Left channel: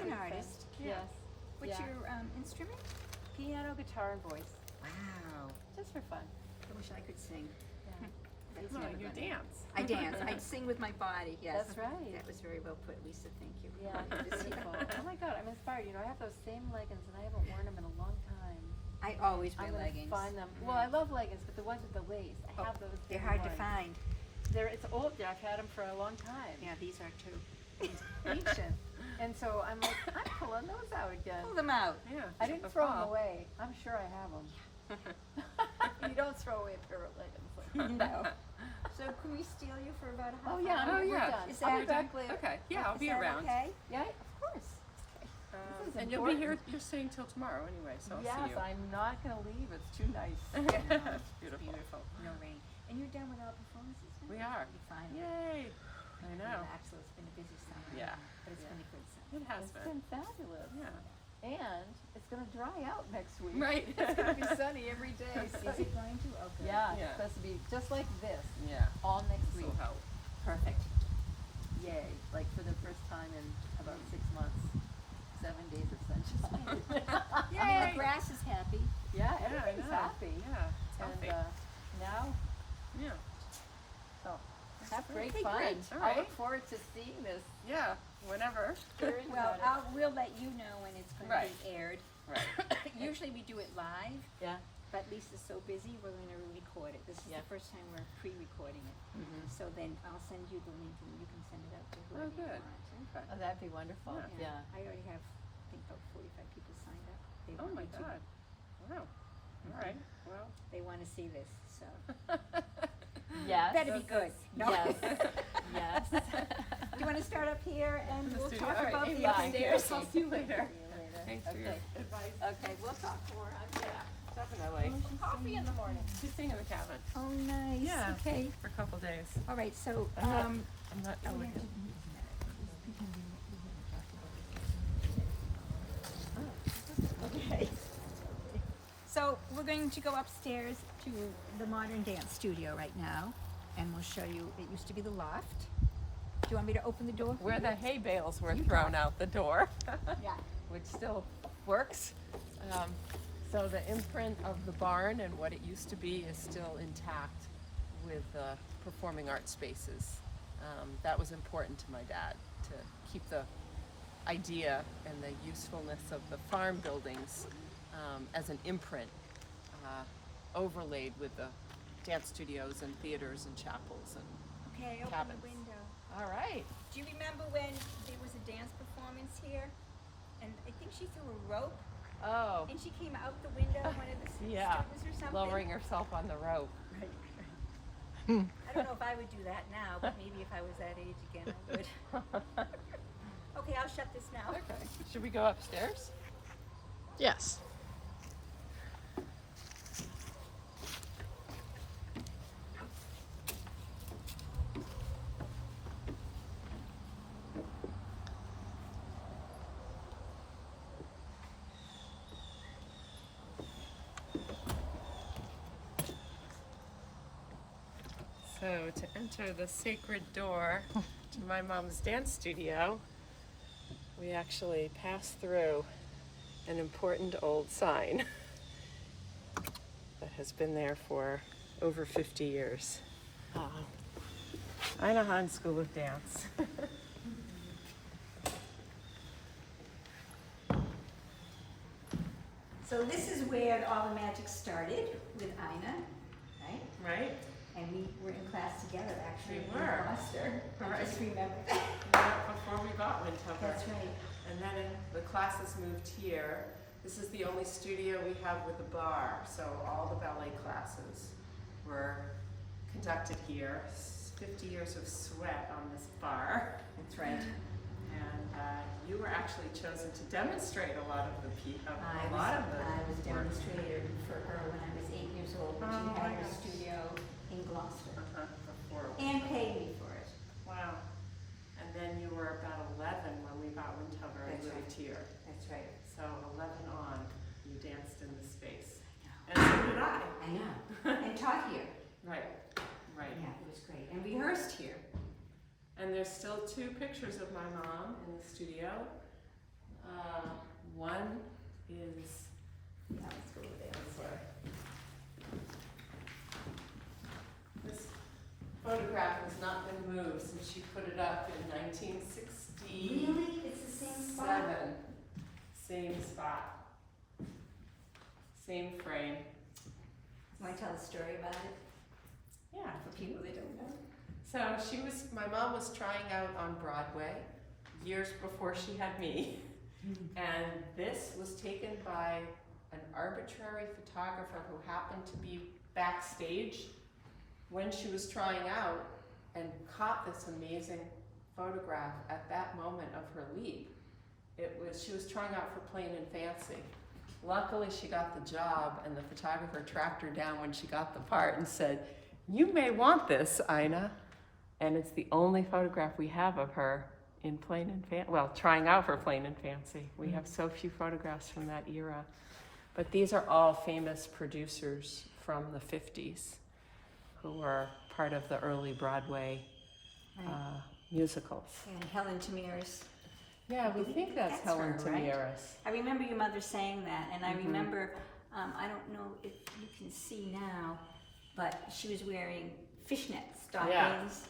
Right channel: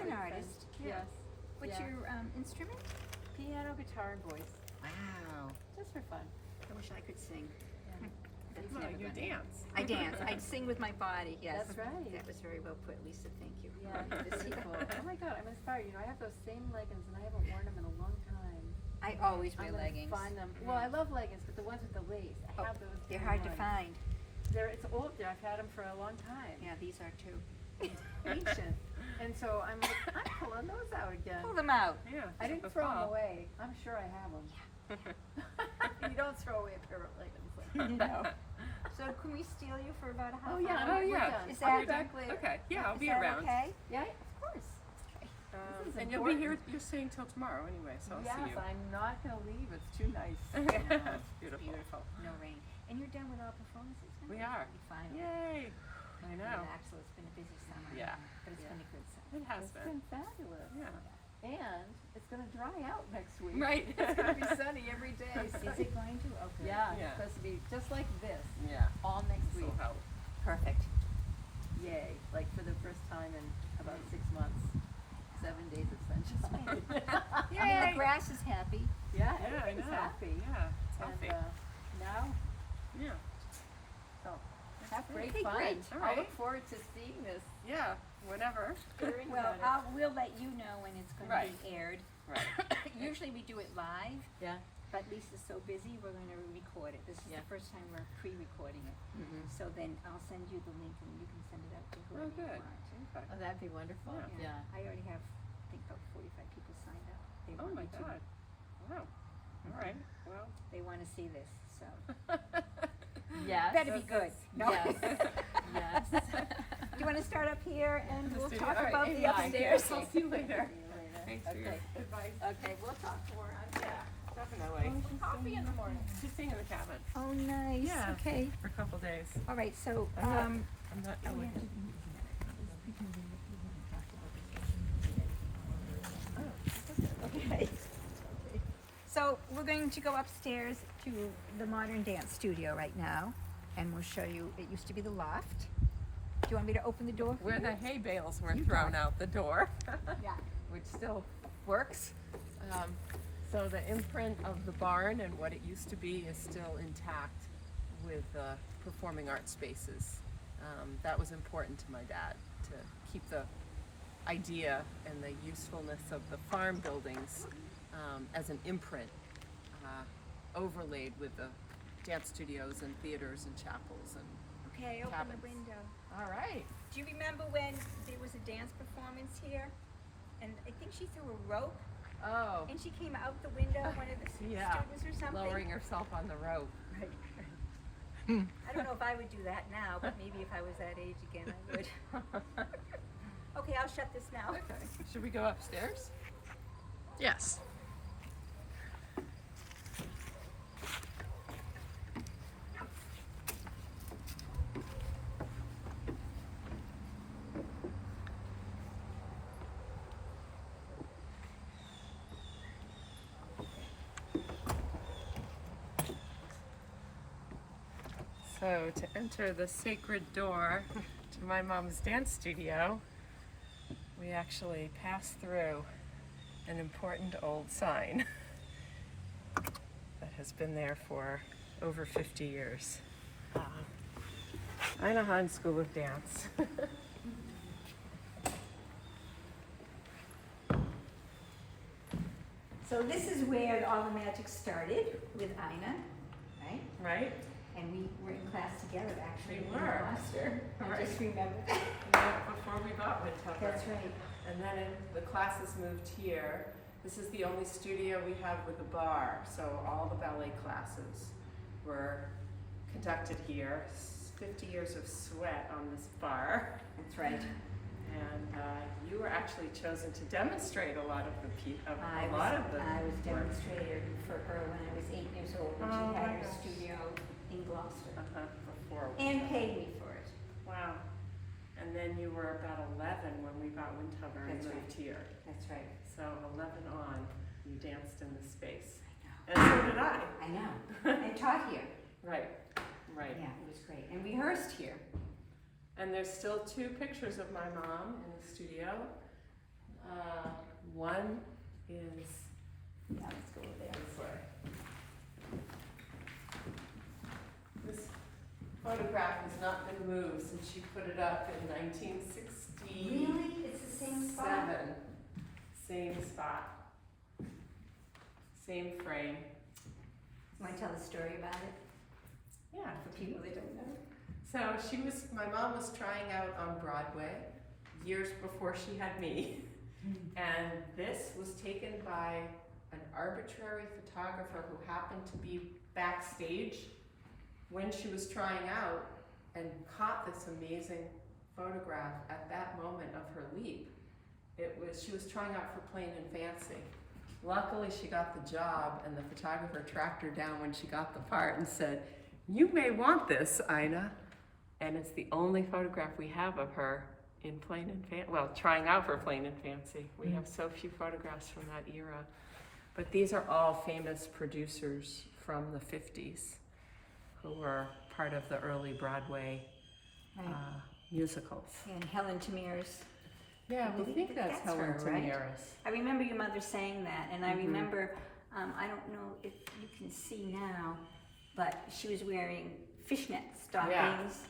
an artist. Yes. What's your instrument? Piano, guitar, and voice. Wow. Just for fun. I wish I could sing. Yeah. That's No, never you gonna- dance. I dance. I'd sing with my body. Yes. That's right. That was very well put, Lisa. Thank you. Yeah, This is people. Oh my God, I'm inspired. You know, I have those same leggings and I haven't worn them in a long time. I always wear I'm gonna leggings. find them. Well, I love leggings, but the ones with the lace. I have those. They're same hard to ones. find. It's old. I've had them for a long time. Yeah, these are too. Ancient. And so I'm like, I'm pulling those out again. Pull them out. Yeah. I didn't throw them away. I'm sure I have them. You don't throw away a pair of leggings. No. So can we steal you for about a half Oh yeah, hour? Oh, we're yeah. done. Is I'll that- be back later. Okay, yeah, I'll Is be that around. okay? Yeah, of course. This is And you'll be here, important. you're staying till tomorrow anyway, so I'll Yes, see you. I'm not gonna leave. It's too nice. It's beautiful. Beautiful. No rain. And you're done with our performances now? We are. You finally. Yay! I know. Relax, so it's been a busy summer. Yeah. But it's Yeah. been a good summer. It has It's been. been fabulous. Yeah. And it's gonna dry out next week. Right. It's gonna be sunny every day. Is it going to? Okay. Yeah, Yeah. it's supposed to be just like this Yeah. all next This week. will help. Perfect. Yay, like for the first time in about 6 months, 7 days of sunshine. I mean, the grass is happy. Yeah, Yeah, I everybody's know. happy. Yeah, it's And healthy. now, Yeah. so have great Okay, fun. great. All I look right. forward to seeing this. Yeah, whenever. Hearing Well, about it. we'll let you know when it's going Right. to be aired. Right. Usually we do it live, Yeah. but Lisa's so busy, we're going to record it. This is Yeah. the first time we're pre-recording it. Mhm. So then I'll send you the link and you can send it out to whoever you good. want. Okay. Oh, that'd be wonderful. Yeah. I already have, I think about 45 people signed up. They Oh want my me to- God. Wow. All right. Well. They want to see this, so. Yes. Better be good. No. Yes. Yes. Do you want to start up here and we'll talk All right, about Amy, the I'll upstairs? I'll see you later. See you later. Thanks for your Okay. advice. Okay, we'll talk more. Definitely. Coffee in the morning. She's staying in the cabin Oh, nice. Yeah. Okay. for a couple days. All right, so, I'm not- um, I'm not oh, we have elegant. okay. So we're going to go upstairs to the modern dance studio right now, and we'll show you, it used to be the loft. Do you want me to open the door? Where the hay bales were You thrown talk. out the door, Yeah. which still works. So the imprint of the barn and what it used to be is still intact with performing arts spaces. That was important to my dad, to keep the idea and the usefulness of the farm buildings as an imprint overlaid with the dance studios and theaters and chapels and Okay, open Cabins. the window. all right. Do you remember when there was a dance performance here? And I think she threw a rope, Oh, and she came out the window, one of the Yeah. students or something? lowering herself on the rope. Right. I don't know if I would do that now, but maybe if I was that age again, I would. Okay, I'll shut this now. Okay. Should we go upstairs? Yes. So to enter the sacred door to my mom's dance studio, we actually pass through an important old sign that has been there for over 50 years. Einahan School of Dance. So this is where all the magic started with Ina, right? Right? And we were in class together actually We in were. Gloucester. I Right. just remember that. Before we got Windhover. That's right. And then the classes moved here. This is the only studio we have with a bar, so all the ballet classes were conducted here. 50 years of sweat on this bar. That's right. And you were actually chosen to demonstrate a lot of the I was demonstrator for her when I was 8 years old, when Oh, she had my her gosh. studio in Gloucester. Before. And paid me for it. Wow. And then you were about 11 when we bought Windhover and That's moved here. That's right. So 11 on, you danced in this space. And so did I. I know. And taught here. Right, right. Yeah, it was great. And rehearsed here. And there's still 2 pictures of my mom in the studio. One is Now let's go over there. this way. This photograph has not been moved since she put it up in 1967. Really? It's the same spot? Same spot. Same frame. You want to tell the story about it Yeah. for people that don't know? So my mom was trying out on Broadway years before she had me. And this was taken by an arbitrary photographer who happened to be backstage when she was trying out and caught this amazing photograph at that moment of her leap. She was trying out for Plain and Fancy. Luckily she got the job, and the photographer tracked her down when she got the part and said, "You may want this, Ina." And it's the only photograph we have of her in Plain and Fancy, well, trying out for Plain and Fancy. We have so few photographs from that era. But these are all famous producers from the 50s who were part of the early Broadway musicals. And Helen Tamiris. Yeah, we think that's Helen her, right? Tamiris. I remember your mother saying that, and I remember, I don't know if you can see now, but she was wearing fishnet stockings.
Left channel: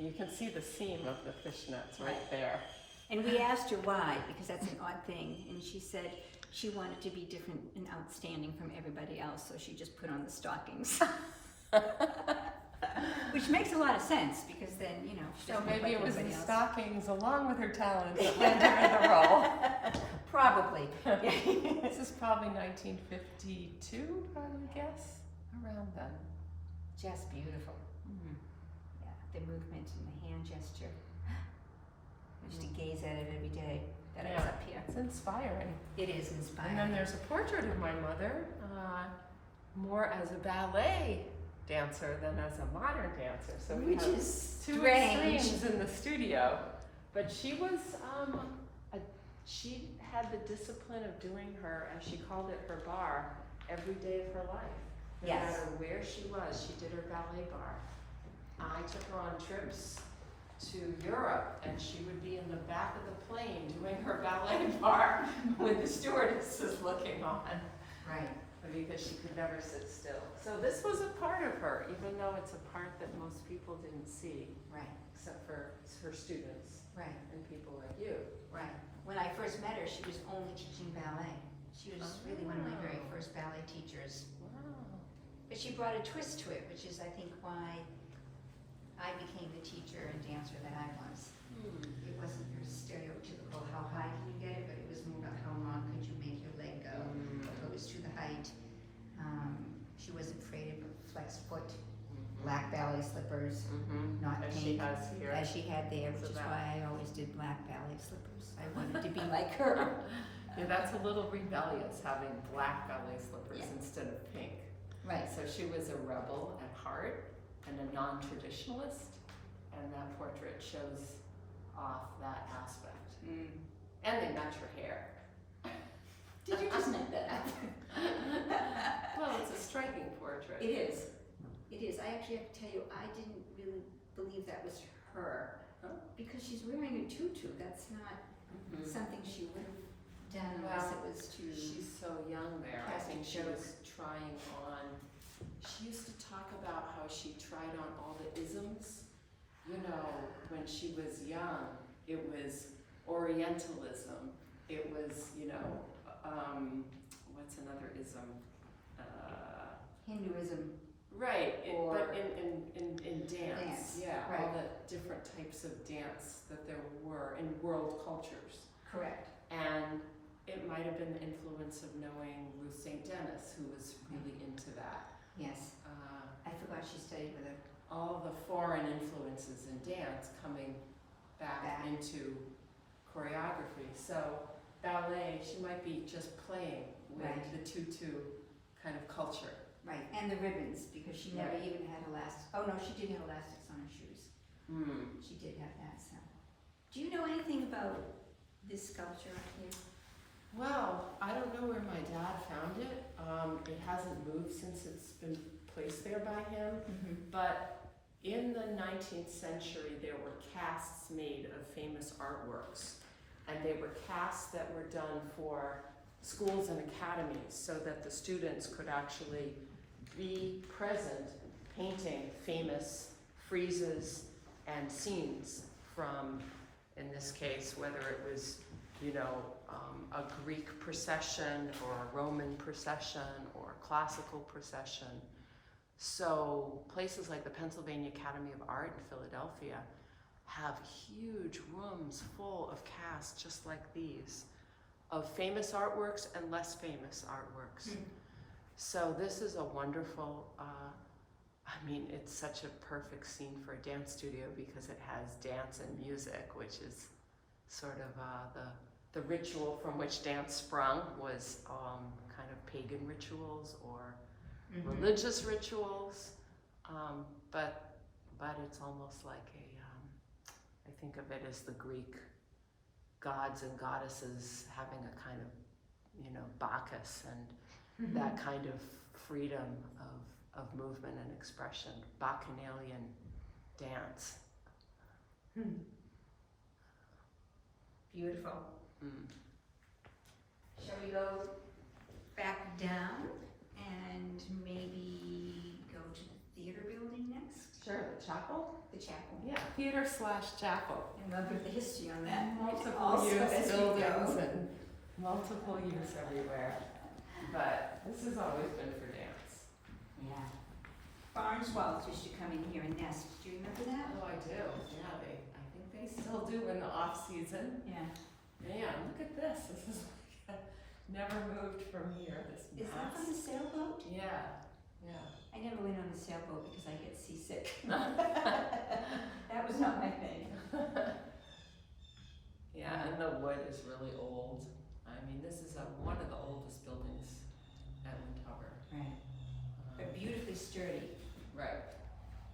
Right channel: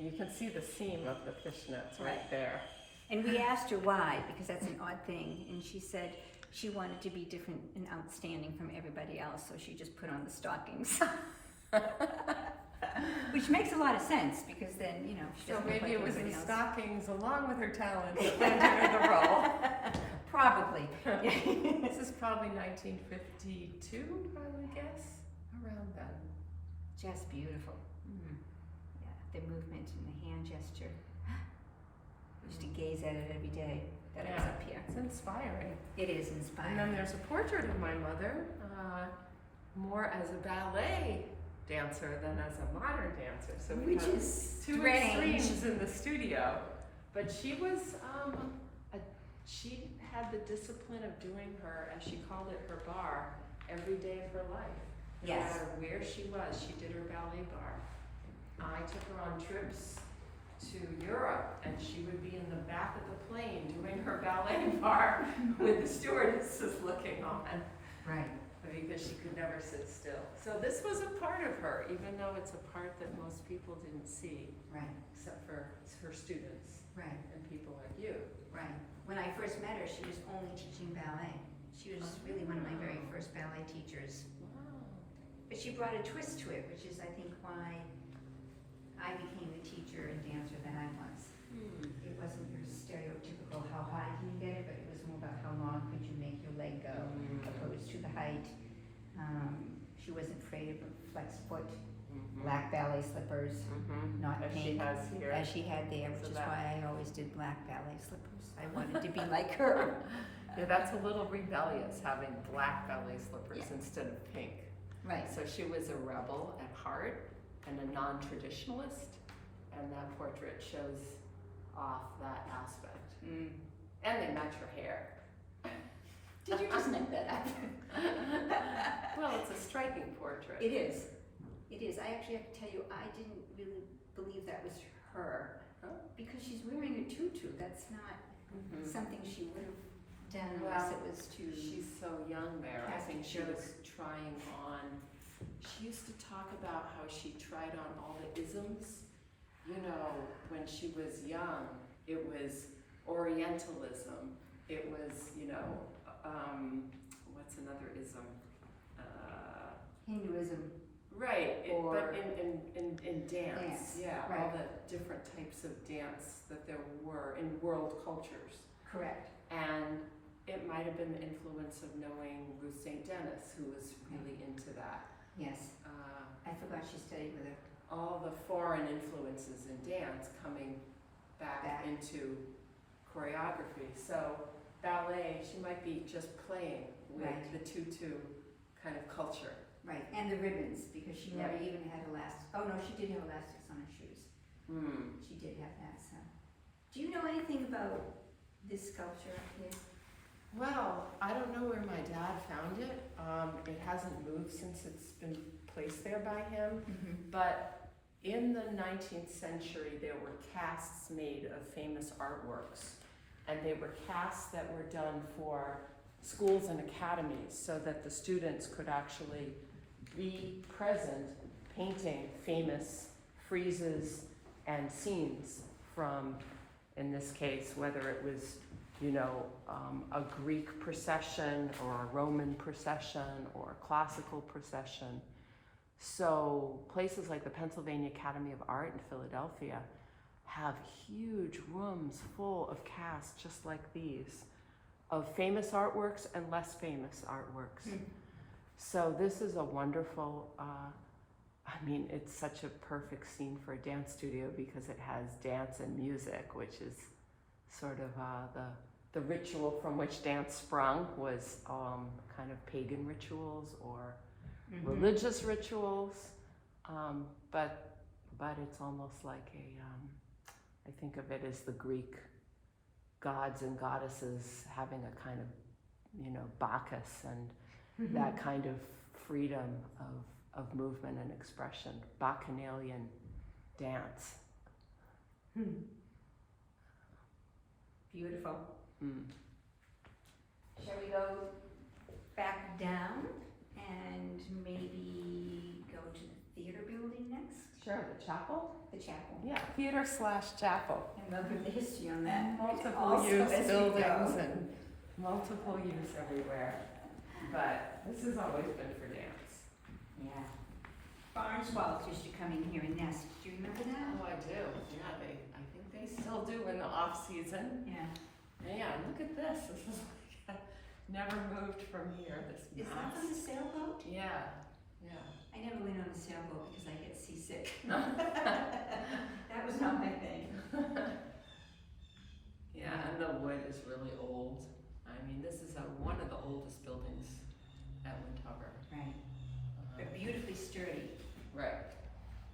You can see the seam of the fishnets right Right. there. And we asked her why, because that's an odd thing, and she said she wanted to be different and outstanding from everybody else, so she just put on the stockings. Which makes a lot of sense, because then, you know, she So doesn't look maybe like it was everybody the else. stockings along with her talent that landed her the role. Probably. This is probably 1952, I would guess, around then. Just beautiful. Yeah, the movement and the hand gesture. I used to gaze at it every day that I was Yeah. up here. It's inspiring. It is And inspiring. then there's a portrait of my mother, more as a ballet dancer than as a modern dancer. So we Which have is two strange. extremes in the studio. But she was, she had the discipline of doing her, as she called it, her bar every day of her life. No Yes. matter where she was, she did her ballet bar. I took her on trips to Europe, and she would be in the back of the plane doing her ballet bar with the stewardesses looking on, Right. because she could never sit still. So this was a part of her, even though it's a part that most people didn't see, Right. except for her students Right. and people like you. Right. When I first met her, she was only teaching ballet. She was really one of my very first ballet teachers. But she brought a twist to it, which is, I think, why I became the teacher and dancer that I was. It wasn't your stereotypical how high can you get it, but it was more about how long could you make your leg go, opposed to the height. She wasn't afraid of flex foot, black ballet slippers, not As pink, she has here. as she had there, which So is that- why I always did black ballet slippers. I wanted to be like her. Yeah, that's a little rebellious, having black ballet slippers Yeah. instead of pink. Right. So she was a rebel at heart and a non-traditionalist, and that portrait shows off that aspect. And they match her hair. Did you just make that up? Well, it's a striking portrait. It is. It is. I actually have to tell you, I didn't really believe that was her. Oh. Because she's wearing a tutu. That's not something she would have done unless it was to... She's so young there. I think she Plastic was trying on. She used to talk about how she tried on all the isms. You know, when she was young, it was Orientalism. It was, you know, what's another ism? Hinduism. Right, Or- but in dance, Dance, yeah, all right. the different types of dance that there were in world cultures. Correct. And it might have been the influence of knowing Ruth St. Denis, who was really into that. Yes. I forgot she studied with her. All the foreign influences in dance coming back into choreography. So ballet, she might be just playing with Right. the tutu kind of culture. Right. And the ribbons, because she never Right. even had elastic. Oh, no, she did have elastics on her shoes. She did have that, so. Do you know anything about this sculpture here? Well, I don't know where my dad found it. It hasn't moved since it's been placed there by him. But in the 19th century, there were casts made of famous artworks. And they were casts that were done for schools and academies so that the students could actually be present painting famous friezes and scenes from, in this case, whether it was, a Greek procession or a Roman procession or a classical procession. So places like the Pennsylvania Academy of Art in Philadelphia have huge rooms full of casts just like these, of famous artworks and less famous artworks. So this is a wonderful, it's such a perfect scene for a dance studio because it has dance and music, which is sort of the ritual from which dance sprung was kind of pagan rituals or religious rituals, but it's almost like I think of it as the Greek gods and goddesses having a kind of, Bacchus and that kind of freedom of movement and expression, Bacchanalian dance. Beautiful. Shall we go back down and maybe go to the theater building next? Sure, the chapel? The chapel. Yeah, theater/chapel. And we'll put the history on that. And multiple Also use as we buildings go. and multiple use everywhere. But this has always been for dance. Yeah. Barn swallows used to come in here and nest. Do you remember that? Oh, I do. Yeah, I think they still do in the off season. Yeah. Man, look at this. This is like never moved from here. This Is that from the mast. sailboat? Yeah, yeah. I never went on a sailboat because I get seasick. That was not my thing. Yeah, and the wood is really old. This is one of the oldest buildings at Windhover. Right. But beautifully sturdy. Right.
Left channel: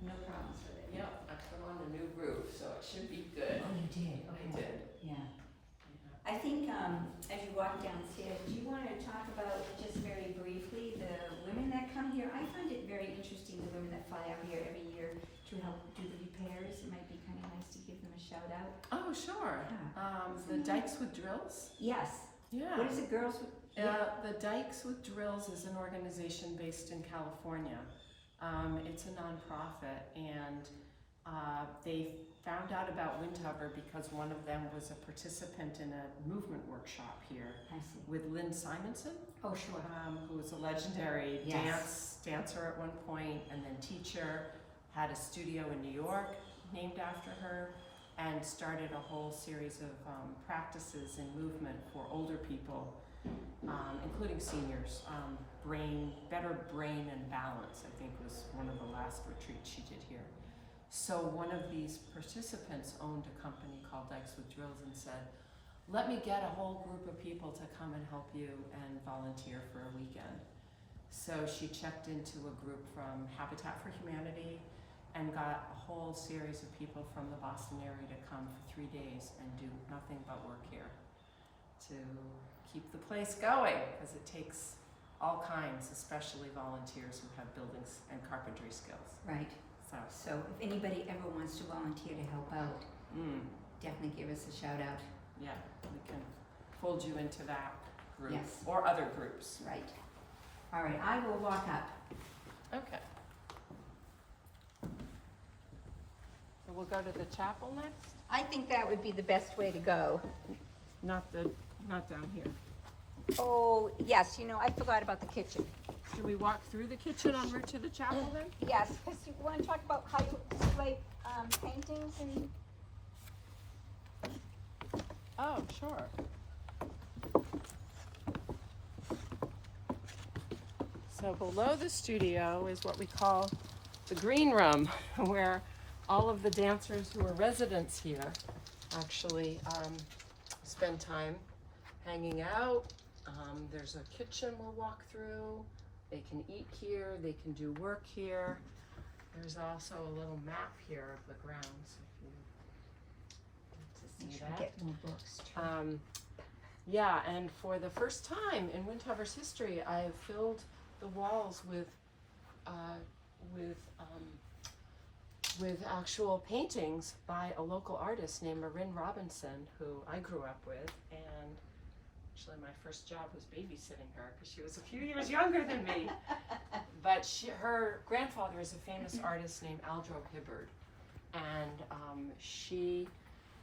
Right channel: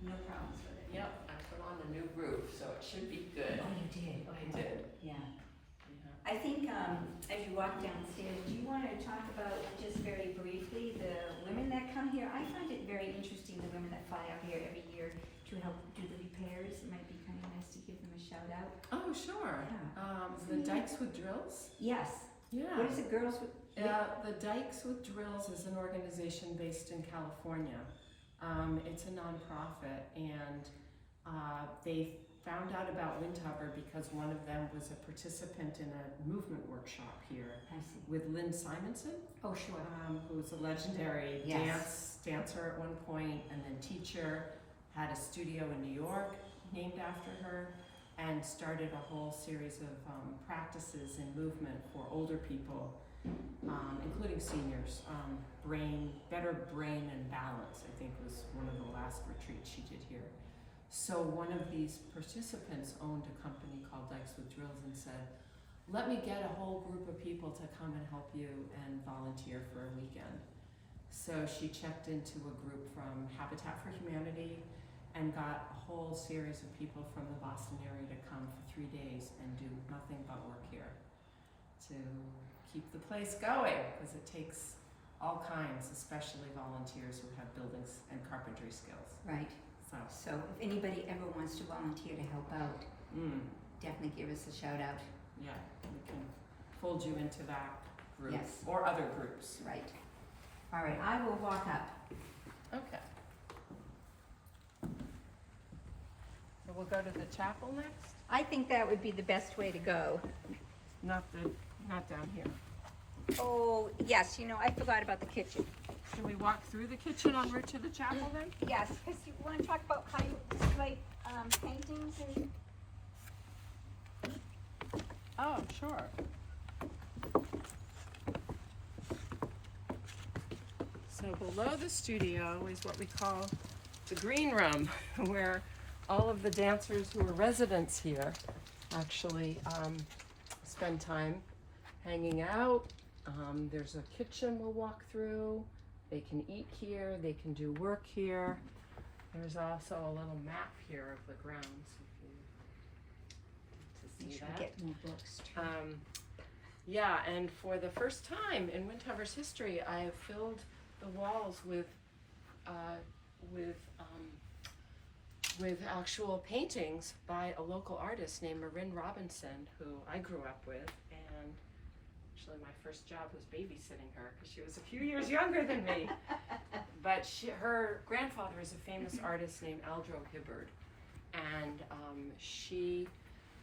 No problems with it. Yep, I put on a new roof, so it should be good. Oh, you did? I did. Yeah. Yeah. I think as you walk downstairs, do you want to talk about just very briefly the women that come here? I find it very interesting, the women that fly out here every year to help do the repairs. It might be kind of nice to give them a shout out. Oh, sure. Yeah. The Dykes with Drills? Yes. Yeah. What is it, Girls with? The Dykes with Drills is an organization based in California. It's a nonprofit, and they found out about Windhover because one of them was a participant in a movement workshop here I see. with Lynn Simonson, Oh, sure. who was a legendary Yes. dancer at one point, and then teacher, had a studio in New York named after her, and started a whole series of practices in movement for older people, including seniors. Better brain and balance, I think, was one of the last retreats she did here. So one of these participants owned a company called Dykes with Drills and said, let me get a whole group of people to come and help you and volunteer for a weekend. So she checked into a group from Habitat for Humanity and got a whole series of people from the Boston area to come for 3 days and do nothing but work here to keep the place going, because it takes all kinds, especially volunteers who have buildings and carpentry skills. Right. So, So if anybody ever wants to volunteer to help out, definitely give us a shout out. yeah, we can fold you into that group. Yes. Or other groups. Right. All right, I will walk up. Okay. So we'll go to the chapel next? I think that would be the best way to go. Not down here. Oh, yes, I forgot about the kitchen. Should we walk through the kitchen en route to the chapel then? Yes, because you want to talk about how you display paintings and... Oh, sure. So below the studio is what we call the green room, where all of the dancers who are residents here actually spend time hanging out. There's a kitchen we'll walk through. They can eat here, they can do work here. There's also a little map here of the grounds if you want to see that. Get more books. Yeah, and for the first time in Windhover's history, I have filled the walls with actual paintings by a local artist named Marin Robinson, who I grew up with, and Actually, my first job was babysitting her because she was a few years younger than me. But her grandfather is a famous artist named Aldro Hibbard, and she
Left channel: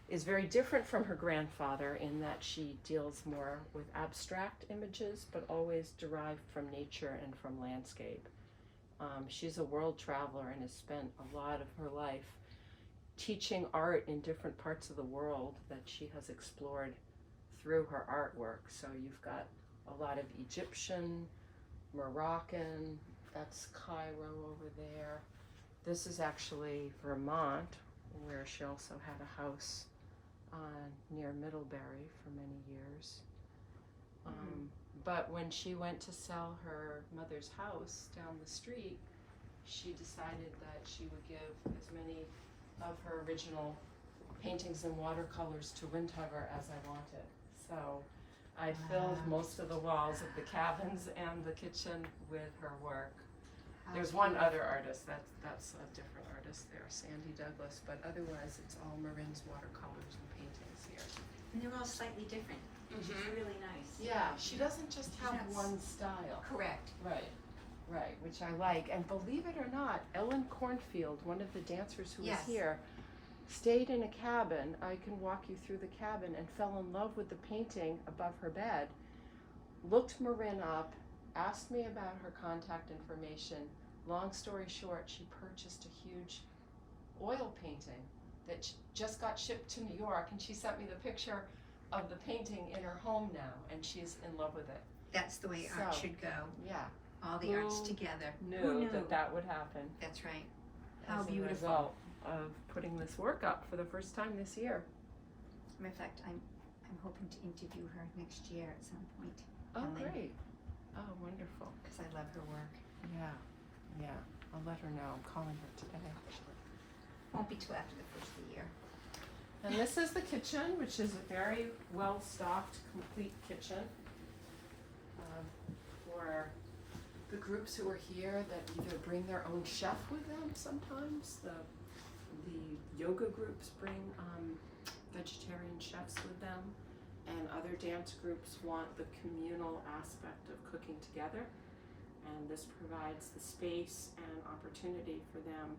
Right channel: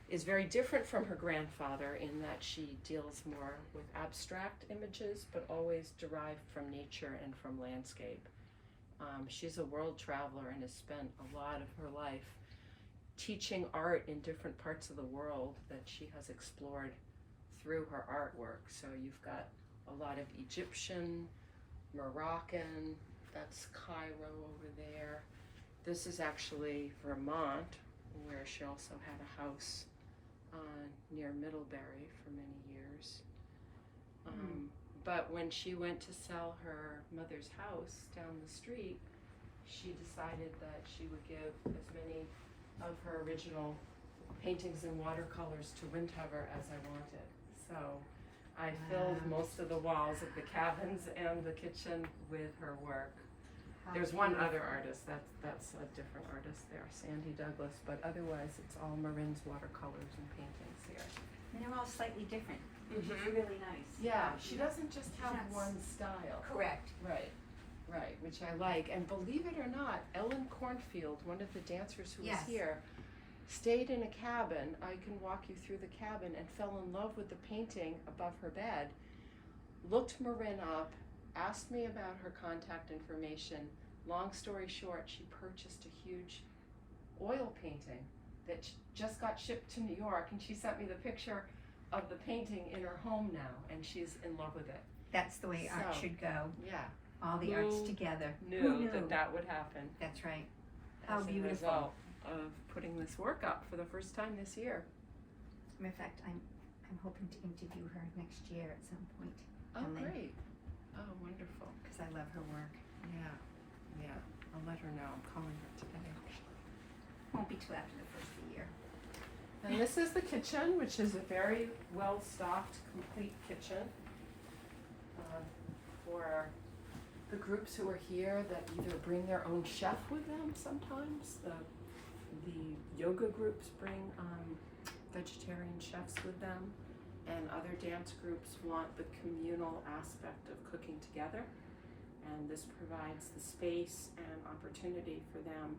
is very different from her grandfather in that she deals more with abstract images, but always derived from nature and from landscape. She's a world traveler and has spent a lot of her life teaching art in different parts of the world that she has explored through her artwork. So you've got a lot of Egyptian, Moroccan, that's Cairo over there. This is actually Vermont, where she also had a house near Middlebury for many years. But when she went to sell her mother's house down the street, she decided that she would give as many of her original paintings and watercolors to Windhover as I wanted. So I filled most of the walls of the cabins and the kitchen with her work. There's one other artist, that's a different artist there, Sandy Douglas, but otherwise it's all Marin's watercolors and paintings here. And they're all slightly different, which is really nice. Yeah, she doesn't just have That's one style. Correct. Right, which I like. And believe it or not, Ellen Cornfield, one of the dancers who was Yes. here, stayed in a cabin. I can walk you through the cabin, and fell in love with the painting above her bed. Looked Marin up, asked me about her contact information. Long story short, she purchased a huge oil painting that just got shipped to New York, and she sent me the picture of the painting in her home now, and she's in love with it. That's the way art So, should go. Yeah. All the arts Who together. Knew that would happen. That's right. How As a beautiful. result of putting this work up for the first time this year. In fact, I'm hoping to interview her next year at some point. Oh, Ellen, great. Oh, wonderful. because I love her work. Yeah. I'll let her know. I'm calling her today. Won't be till after the first of the year. And this is the kitchen, which is a very well-stocked, complete kitchen for the groups who are here that either bring their own chef with them sometimes. The yoga groups bring vegetarian chefs with them, and other dance groups want the communal aspect of cooking together. And this provides the space and opportunity for them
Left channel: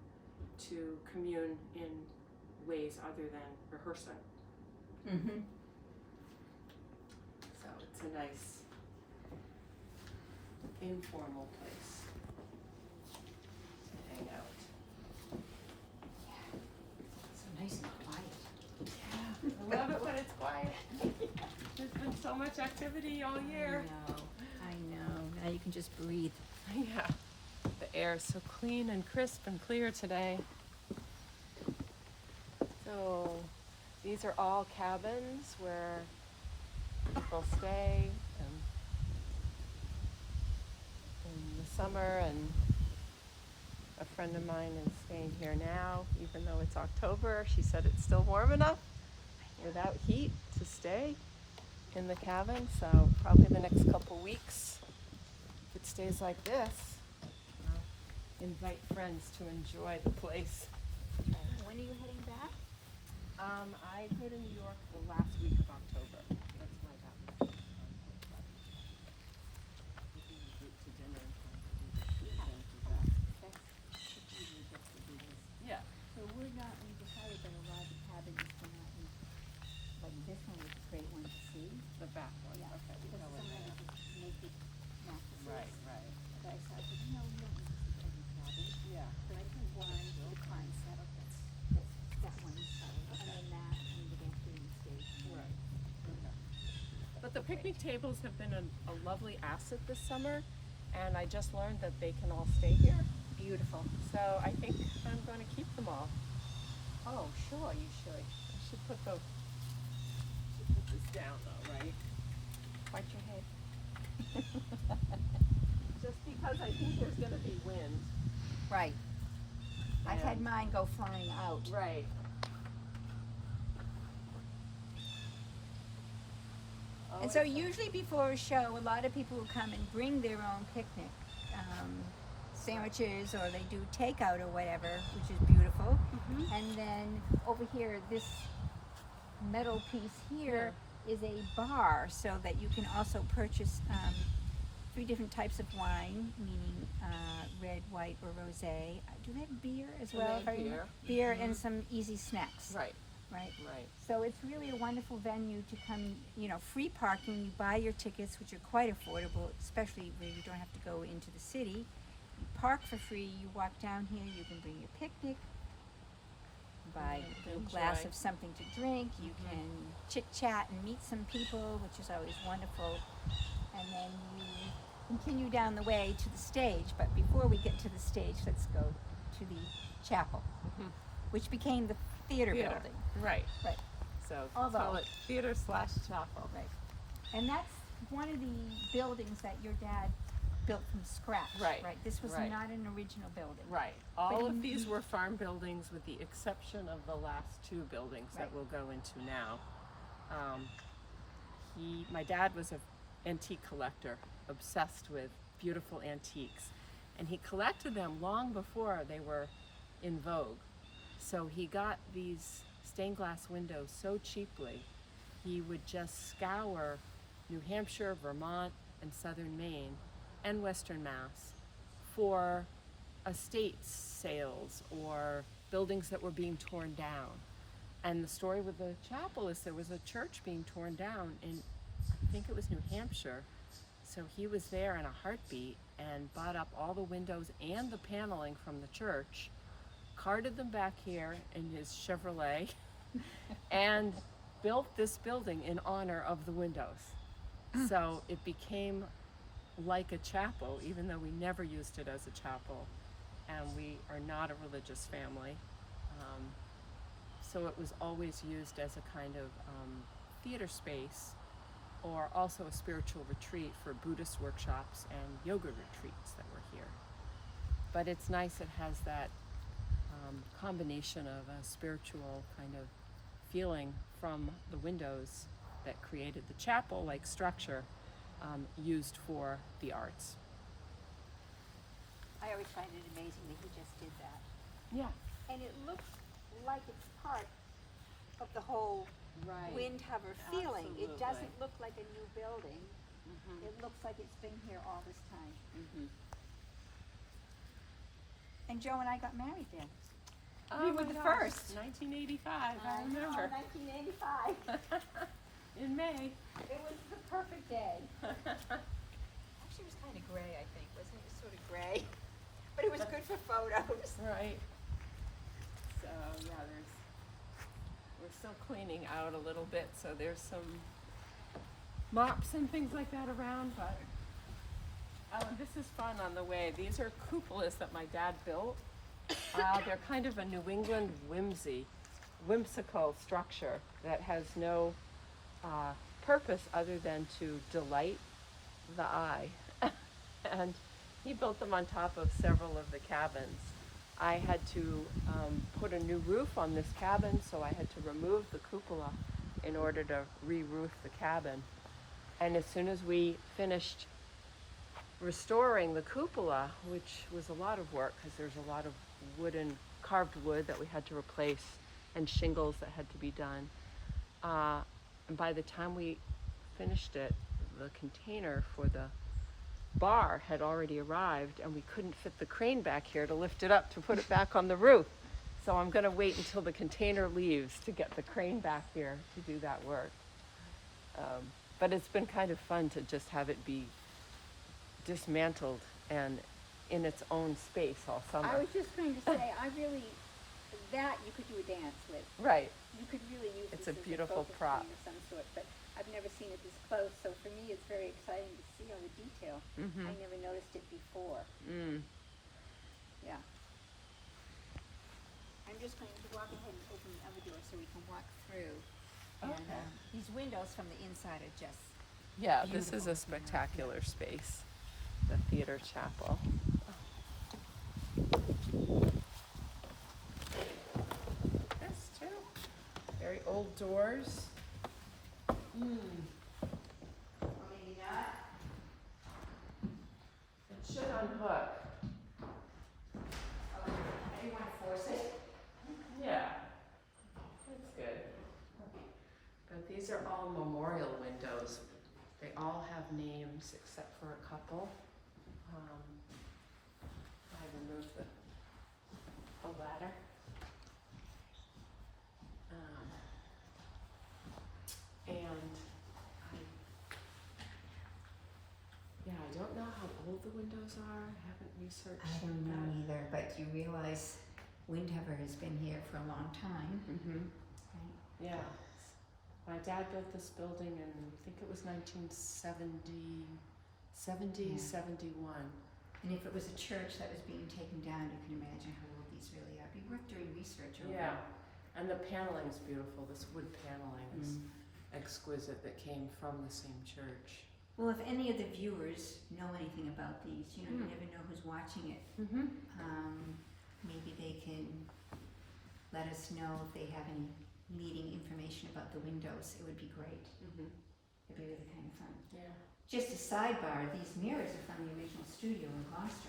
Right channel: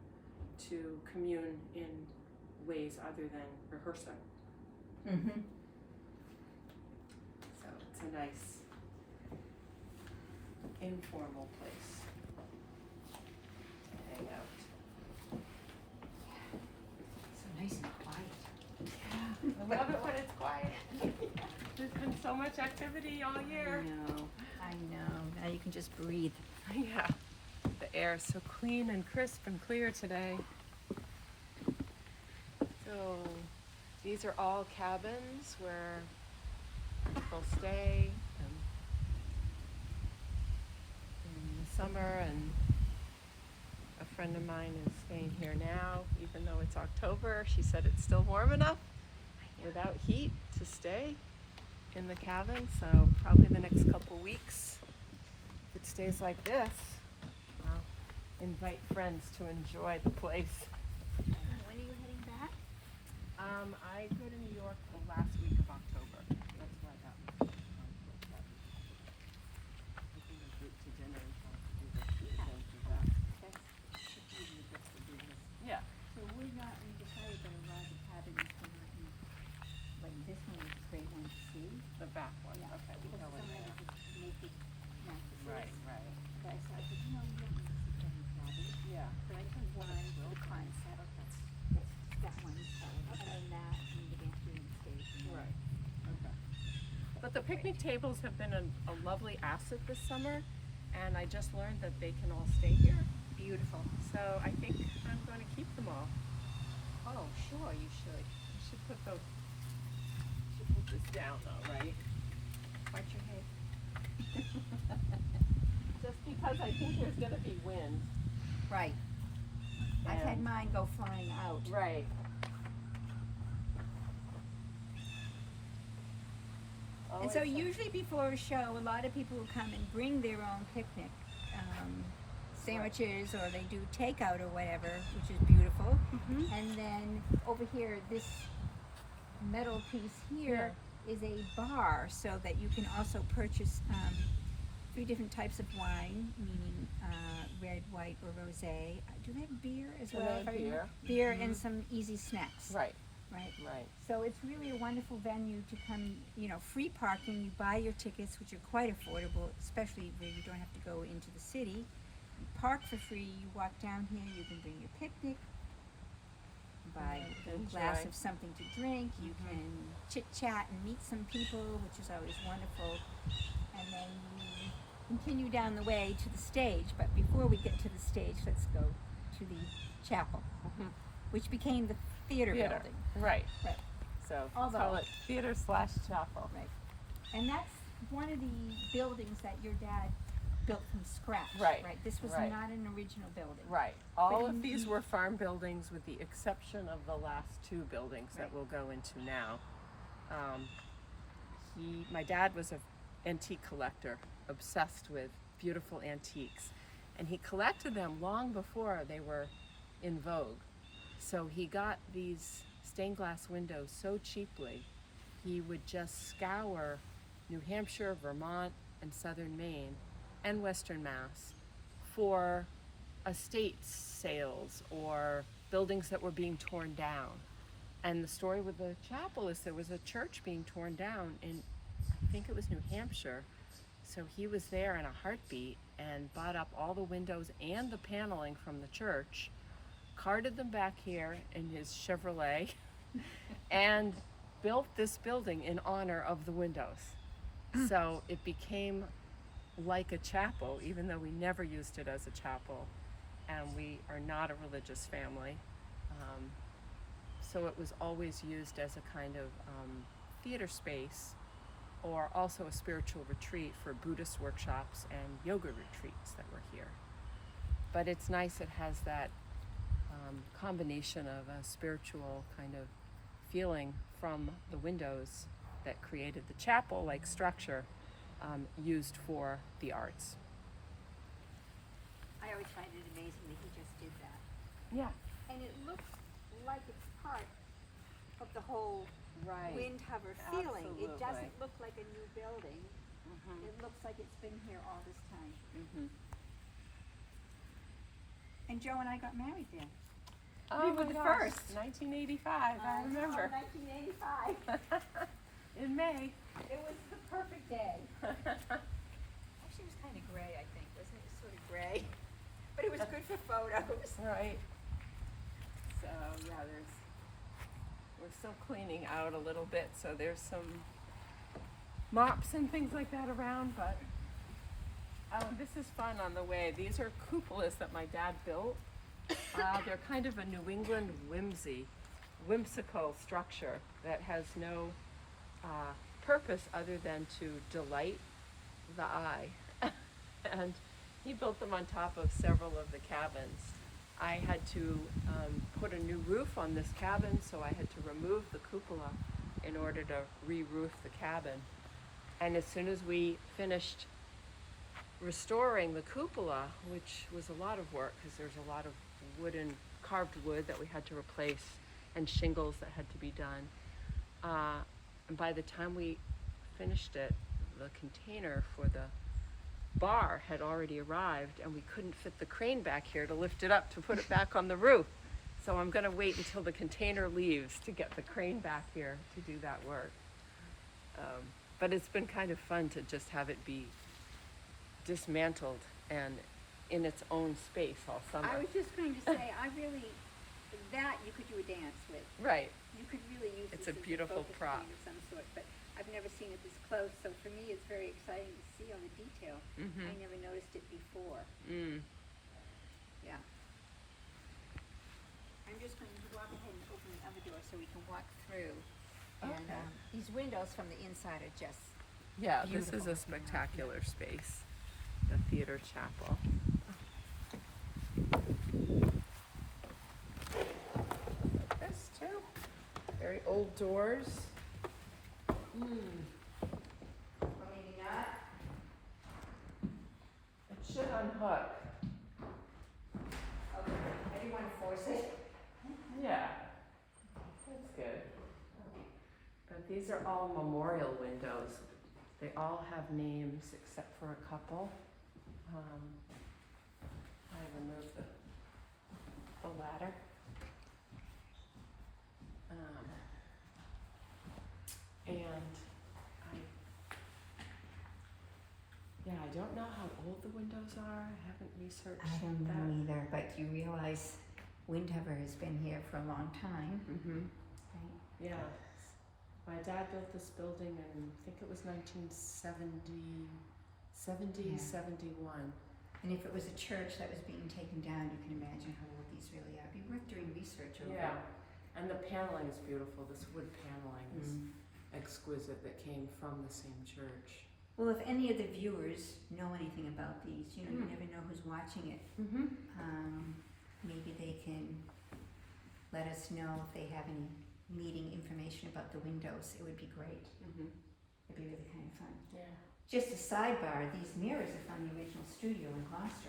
to commune in ways other than rehearsing. Mm-hmm. So it's a nice informal place to hang out. So nice and quiet. I love it when it's quiet. There's been so much activity all year. I know. Now you can just breathe. Yeah, the air is so clean and crisp and clear today. So these are all cabins where people stay in the summer, and a friend of mine is staying here now, even though it's October. She said it's still warm enough without heat to stay in the cabin, so probably the next couple weeks, if it stays like this, I'll invite friends to enjoy the place. When are you heading back? I go to New York the last week of October. That's why that was taking a group to dinner and trying to do this. Don't do that. Okay. Usually gets to do this. So we decided that a lot of the cabins are not in, like this one is a great one to see. The back one. Yeah. Okay, we Because go in some there. of it is naked mattresses. Right. But I said, we don't need to see any cabins. Yeah. But I can one, the concept, that one, and then that, and the bathroom stage. Right. Okay. But the picnic tables have been a lovely asset this summer, and I just learned that they can all stay here. Beautiful. So I think I'm going to keep them all. Oh, sure, you should. I should put this down though, right? Part your head. Just because I think there's going to be wind. Right. I've And- had mine go flying out. Right. And so usually before a show, a lot of people will come and bring their own picnic sandwiches, or they do takeout or whatever, which is beautiful. And then over here, this metal piece here is a bar so that you can also purchase 3 different types of wine, meaning red, white, or rosé. Do they have beer as well? have beer. Beer and some easy snacks. Right, Right. right. So it's really a wonderful venue to come, you know, free parking. You buy your tickets, which are quite affordable, especially where you don't have to go into the city. You park for free, you walk down here, you can bring your picnic, buy a little glass Enjoy. of something to drink, you can chit chat and meet some people, which is always wonderful. And then you continue down the way to the stage, but before we get to the stage, let's go to the chapel, which became the theater building. Right. Right. So Although- call it theater/chapel. Right. And that's one of the buildings that your dad built from scratch. Right, Right. This was right. not an original building. Right. All But of these you- were farm buildings with the exception of the last 2 buildings that Right. we'll go into now. My dad was an antique collector, obsessed with beautiful antiques. And he collected them long before they were in vogue. So he got these stained glass windows so cheaply, he would just scour New Hampshire, Vermont, and southern Maine, and western Mass for estate sales or buildings that were being torn down. And the story with the chapel is there was a church being torn down in, I think it was New Hampshire. So he was there in a heartbeat and bought up all the windows and the paneling from the church, carted them back here in his Chevrolet, and built this building in honor of the windows. So it became like a chapel, even though we never used it as a chapel, and we are not a religious family. So it was always used as a kind of theater space, or also a spiritual retreat for Buddhist workshops and yoga retreats that were here. But it's nice, it has that combination of a spiritual kind of feeling from the windows that created the chapel-like structure used for the arts. I always find it amazing that he just did that. Yeah. And it looks like it's part of the whole Right. Windhover feeling. It Absolutely. doesn't look like a new building. It looks like it's been here all this time. And Joe and I got married there. We were the first. 1985, I remember. 1985. In May. It was the perfect day. Actually, it was kind of gray, I think, wasn't it? It was sort of gray. But it was good for photos. Right. So yeah, we're still cleaning out a little bit, so there's some mops and things like that around, but this is fun on the way. These are cupolas that my dad built. They're kind of a New England whimsical structure that has no purpose other than to delight the eye. And he built them on top of several of the cabins. I had to put a new roof on this cabin, so I had to remove the cupola in order to re-roof the cabin. And as soon as we finished restoring the cupola, which was a lot of work because there's a lot of carved wood that we had to replace and shingles that had to be done. And by the time we finished it, the container for the bar had already arrived, and we couldn't fit the crane back here to lift it up to put it back on the roof. So I'm going to wait until the container leaves to get the crane back here to do that work. But it's been kind of fun to just have it be dismantled and in its own space all summer. I was just going to say, that you could do a dance with. Right. You could really use It's this a as beautiful a focus prop. point of some sort, but I've never seen it this close, so for me it's very exciting to see all the detail. I never noticed it before. Yeah. I'm just going to walk ahead and open the other door so we can walk through. And Okay. these windows from the inside are just, Yeah, this is Beautiful. a spectacular space, the theater chapel. This too. Very old doors. or maybe not. It should unhook. Okay, I didn't want to force it. Yeah. That's good. But these are all memorial all have names except for a couple. I removed the ladder. And I don't know how old the windows are. I haven't researched I don't know that. either, but you realize Windhover has been here for a long time, Mm-hmm. right? Yeah. My dad built this building in, I think it was 1970, 71. And if it was a church that was being taken down, you can imagine how old these really are. It'd be worth doing research over. Yeah. And the paneling's beautiful. This wood paneling is Mm. exquisite that came from the same church. Well, if any of the viewers know anything about these, you know, you Mm. never know who's watching it. Mm-hmm. Maybe they can let us know if they have any meeting information about the windows. It would be great. Mm-hmm. It'd be really kind of fun. Yeah. Just a sidebar, these mirrors are from the original studio in Gloucester.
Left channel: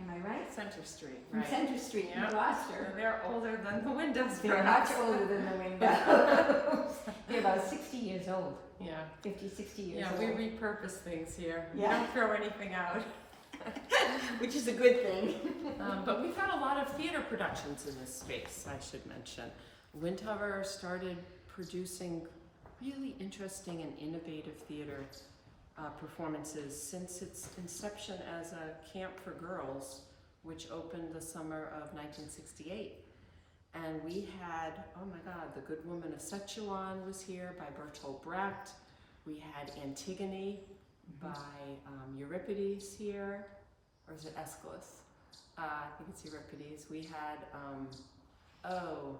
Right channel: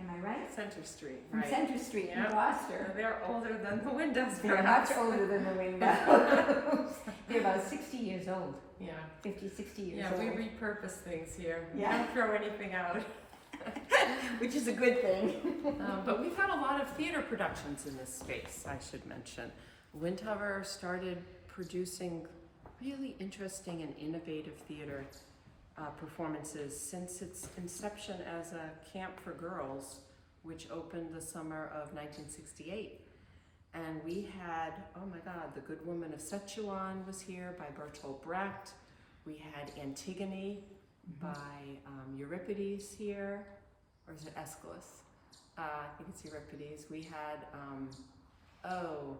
Am I right? Center Street, From right. Center Street in Yep. Gloucester. They're older than the windows, They're perhaps. much older than the windows. They're about 60 years old. Yeah. 50, 60 years Yeah, old. we repurpose things here. We Yeah. don't throw anything out. Which is a good thing. But we've had a lot of theater productions in this space, I should mention. Windhover started producing really interesting and innovative theater performances since its inception as a camp for girls, which opened the summer of 1968. And we had, oh my God, The Good Woman of Sichuan was here by Bertolt Brecht. We had Antigone by Euripides here, or is it Aeschylus? I think it's Euripides. We had,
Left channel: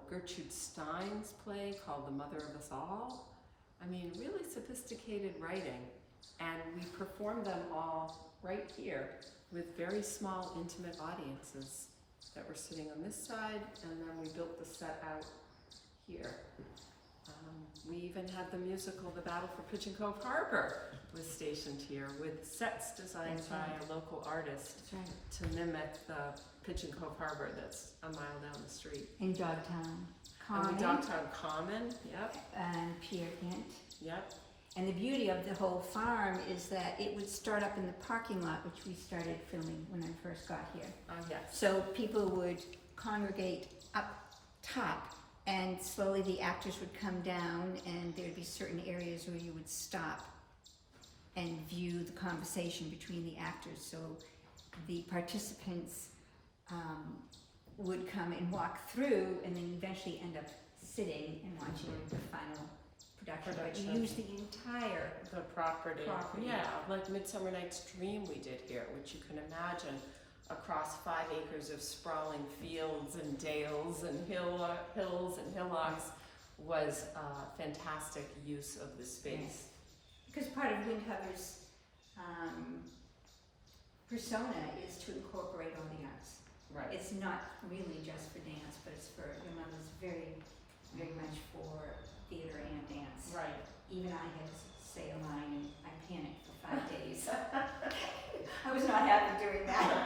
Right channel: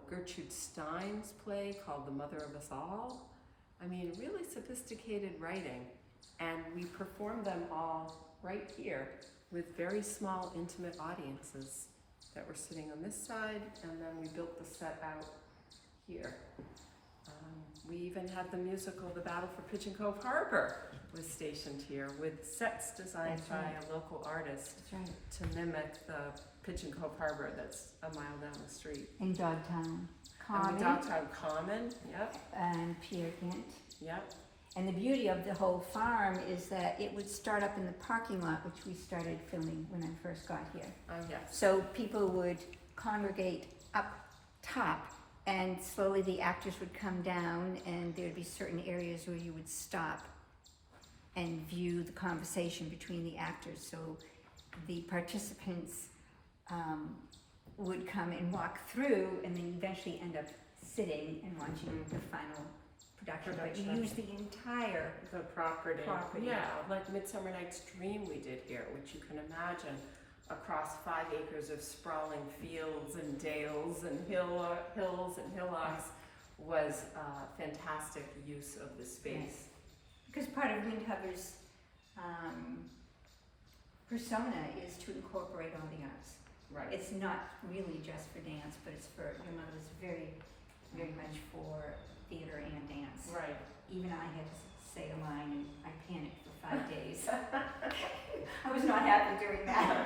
Gertrude Stein's play called The Mother of Us All. I mean, really sophisticated writing. And we performed them all right here with very small, intimate audiences that were sitting on this side, and then we built the set out here. We even had the musical The Battle for Pigeon Cove Harbor was stationed here with sets designed That's by right. a local artist That's right. to mimic the Pigeon Cove Harbor that's a mile down the street. In Dogtown And Common. we Dogtown Common, yep, And Peer Gynt. yep. And the beauty of the whole farm is that it would start up in the parking lot, which we started filming when I first got here. Yes. So people would congregate up top, and slowly the actors would come down, and there'd be certain areas where you would stop and view the conversation between the actors. So the participants would come and walk through, and then eventually end up sitting and watching the final production. But you use the entire The property. Property. Yeah, like Midsummer Night's Dream we did here, which you can imagine across 5 acres of sprawling fields and dales and hills and hillocks was fantastic use of the space. Because part of Windhover's persona is to incorporate all the arts. Right. It's not really just for dance, but it's for, your mother's very, very much for theater and dance. Right. Even I had to say a line and I panicked for 5 days. I was not happy doing that.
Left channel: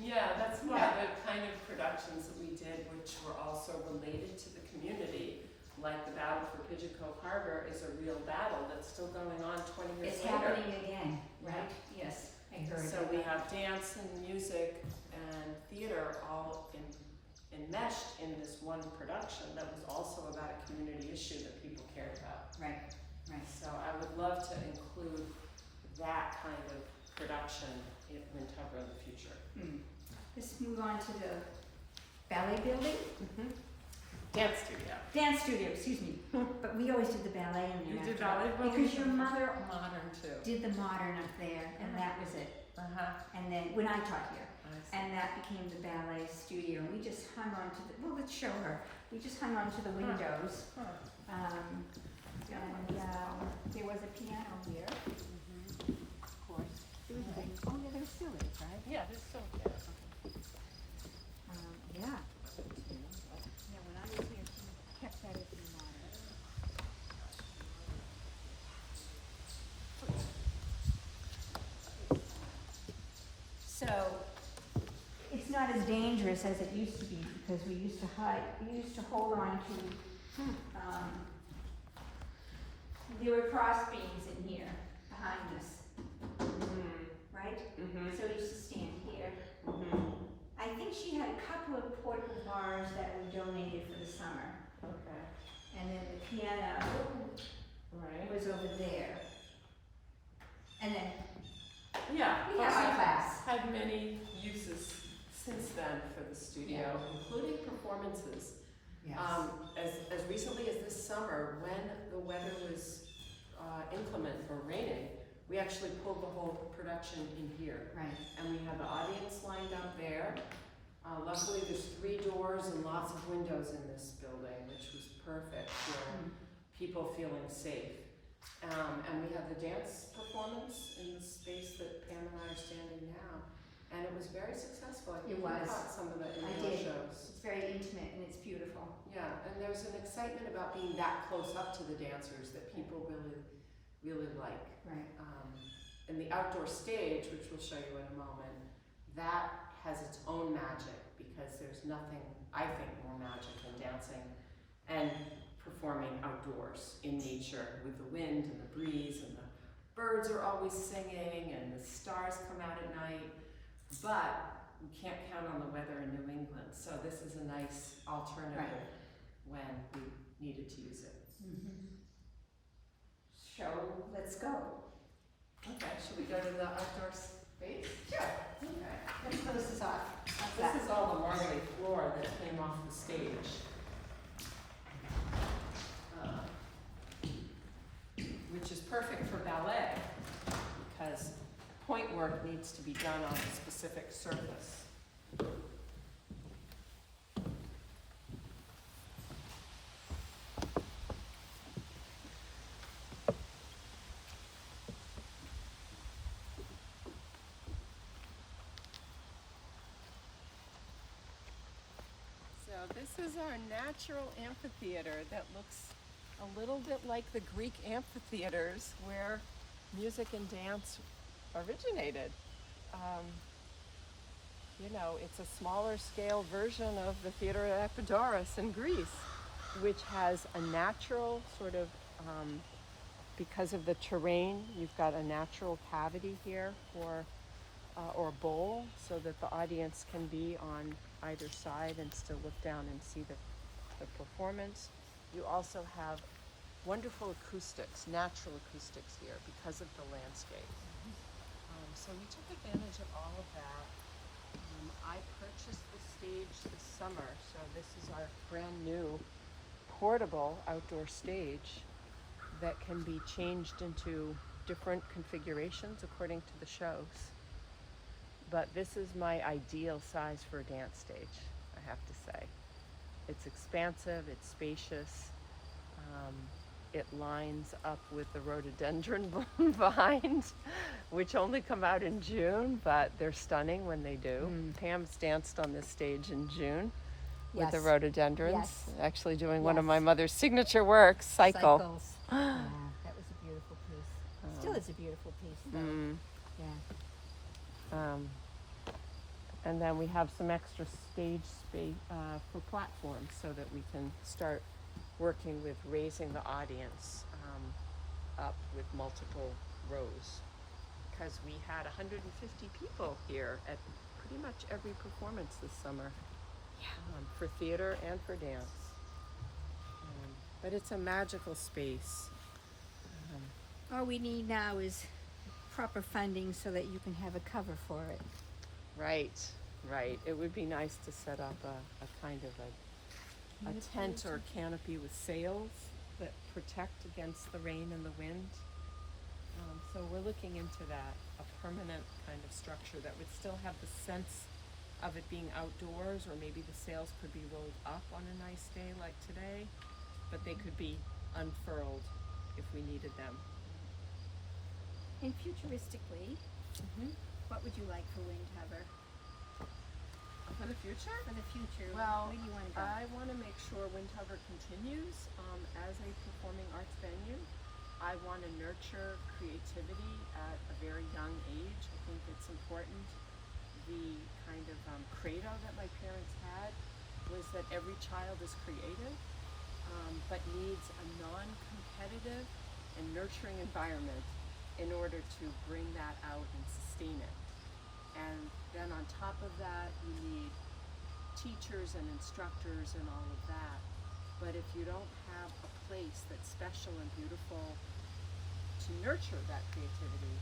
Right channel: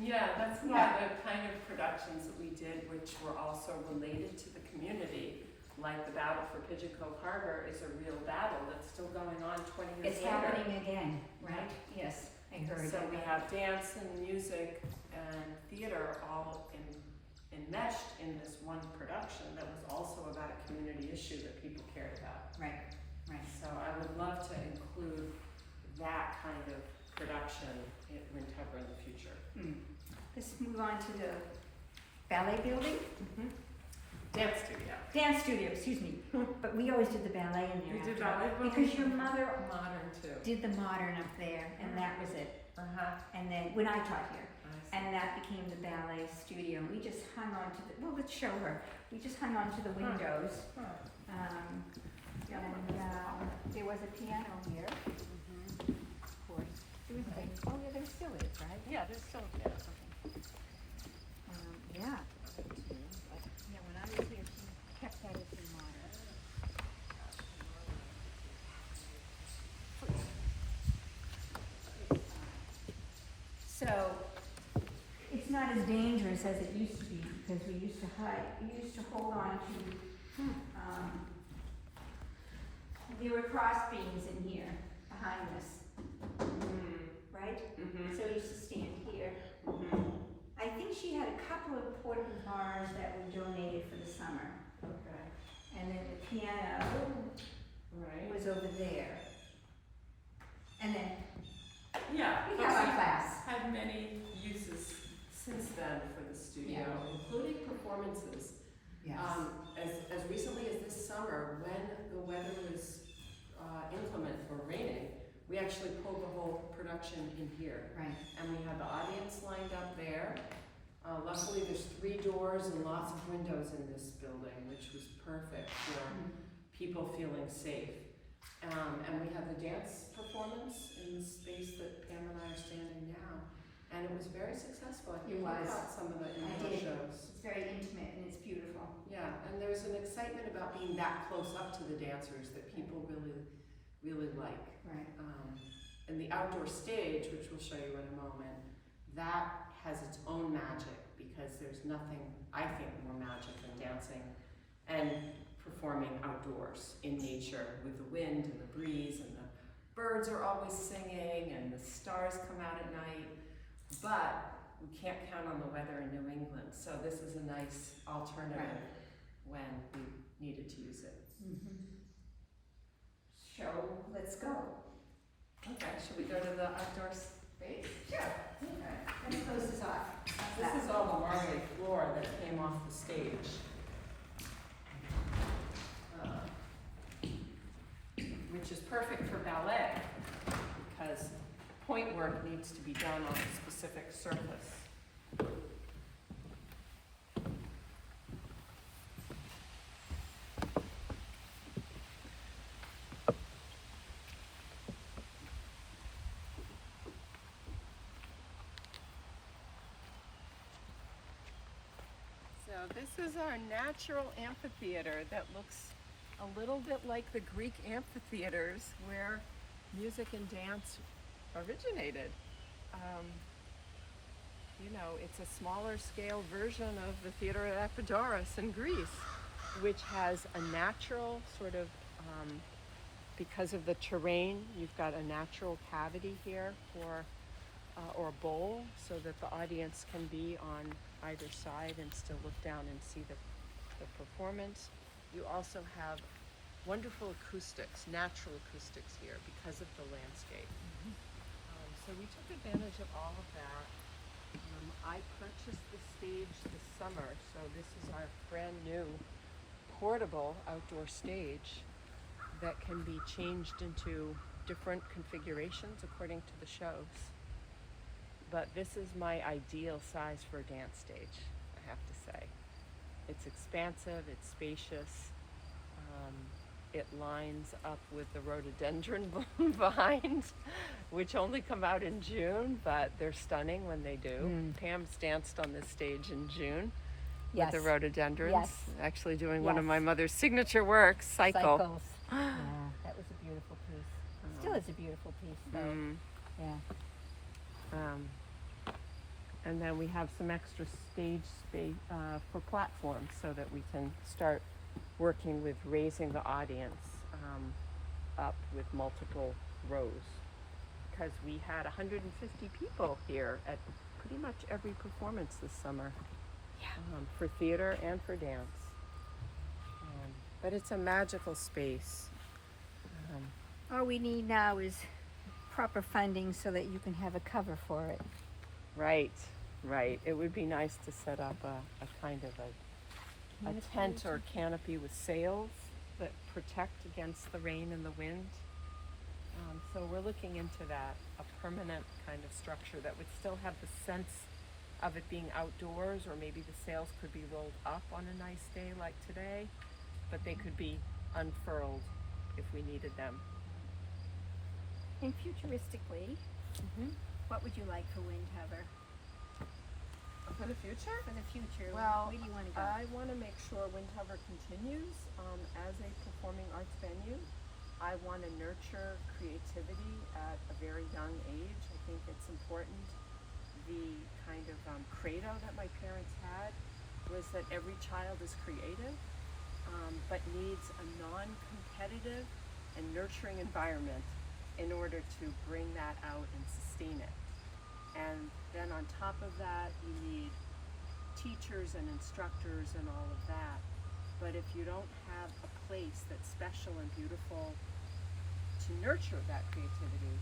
Yeah, that's why the kind of productions that we did, which were also related to the community, like the Battle for Pigeon Cove Harbor, is a real battle that's still going on 20 years It's later. happening again, right? Yes, I heard. So we have dance and music and theater all enmeshed in this one production that was also about a community issue that people cared about. Right, right. So I would love to include that kind of production in Windhover in the future. Let's move on to the ballet building. Dance studio. Dance studio, excuse me. But we always did the ballet in there. You did after all, ballet? because your mother Modern too. did the modern up there, and that was it. And then, when I taught here, and that became the ballet studio. We just hung on to the, well, let's show her. We just hung on to the windows. And there was a piano here, of course. There was oh yeah, there still is, right? Yeah, there's still, yeah. Yeah. Yeah, when I was here, she kept that as the modern. So, it's not as dangerous as it used to be, because we used to hold on to, there were cross beams in here behind us, right? So we used to stand here. I think she had a couple of portable bars that were donated for the summer. Okay. And then the piano Right. was over there. And then Yeah. we have our class. Had many uses since then for the studio, including performances. Yes. As recently as this summer, when the weather was inclement for raining, we actually pulled the whole production in here. Right. And we had the audience lined up there. Luckily, there's 3 doors and lots of windows in this building, which was perfect for people feeling safe. And we had the dance performance in the space that Pam and I are standing now. And it was very successful. I think It was. we caught some of the indoor did. shows. It's very intimate and it's beautiful. Yeah, and there's an excitement about being that close up to the dancers that people really, really like. Right. And the outdoor stage, which we'll show you in a moment, that has its own magic because there's nothing, I think, more magic than dancing and performing outdoors in nature with the wind and the breeze, and the birds are always singing and the stars come out at night. But we can't count on the weather in New England, so this is a nice alternative when we needed to use it. Show, let's go. Okay, should we go to the outdoor space? Sure. Okay. Let me close this off. This is all the marbly floor that came off the stage. Which is perfect for ballet because point work needs to be done on a specific surface. So this is our natural amphitheater that looks a little bit like the Greek amphitheaters where music and dance originated. You know, it's a smaller scale version of the Theater at Epidaurus in Greece, which has a natural sort of, because of the terrain, you've got a natural cavity here or bowl so that the audience can be on either side and still look down and see the performance. You also have wonderful acoustics, natural acoustics here because of the landscape. So we took advantage of all of that. I purchased the stage this summer, so this is our brand new portable outdoor stage that can be changed into different configurations according to the shows. But this is my ideal size for a dance stage, I have to say. It's expansive, it's spacious, it lines up with the rhododendron behind, which only come out in June, but they're stunning when they do. Pam's danced on this stage in June with the rhododendrons, actually doing one of my mother's signature works, Cycle. Cycles. Yeah, that was a beautiful piece. Still is a beautiful piece, though. Yeah. And then we have some extra stage space for platforms so that we can start working with raising the audience up with multiple rows. Because we had 150 people here at pretty much every performance this summer, for theater and for dance. But it's a magical space. All we need now is proper funding so that you can have a cover for it. Right. It would be nice to set up a kind of a tent or canopy with sails that protect against the rain and the wind. So we're looking into that, a permanent kind of structure that would still have the sense of it being outdoors, or maybe the sails could be rolled up on a nice day like today, but they could be unfurled if we needed them. And futuristically, what would you like for Windhover? For the future? For the future, Well, where do you want to go? I want to make sure Windhover continues as a performing arts venue. I want to nurture creativity at a very young age. I think it's important. The kind of credo that my parents had was that every child is creative, but needs a non-competitive and nurturing environment in order to bring that out and sustain it. And then on top of that, you need teachers and instructors and all of that. But if you don't have a place that's special and beautiful to nurture that creativity,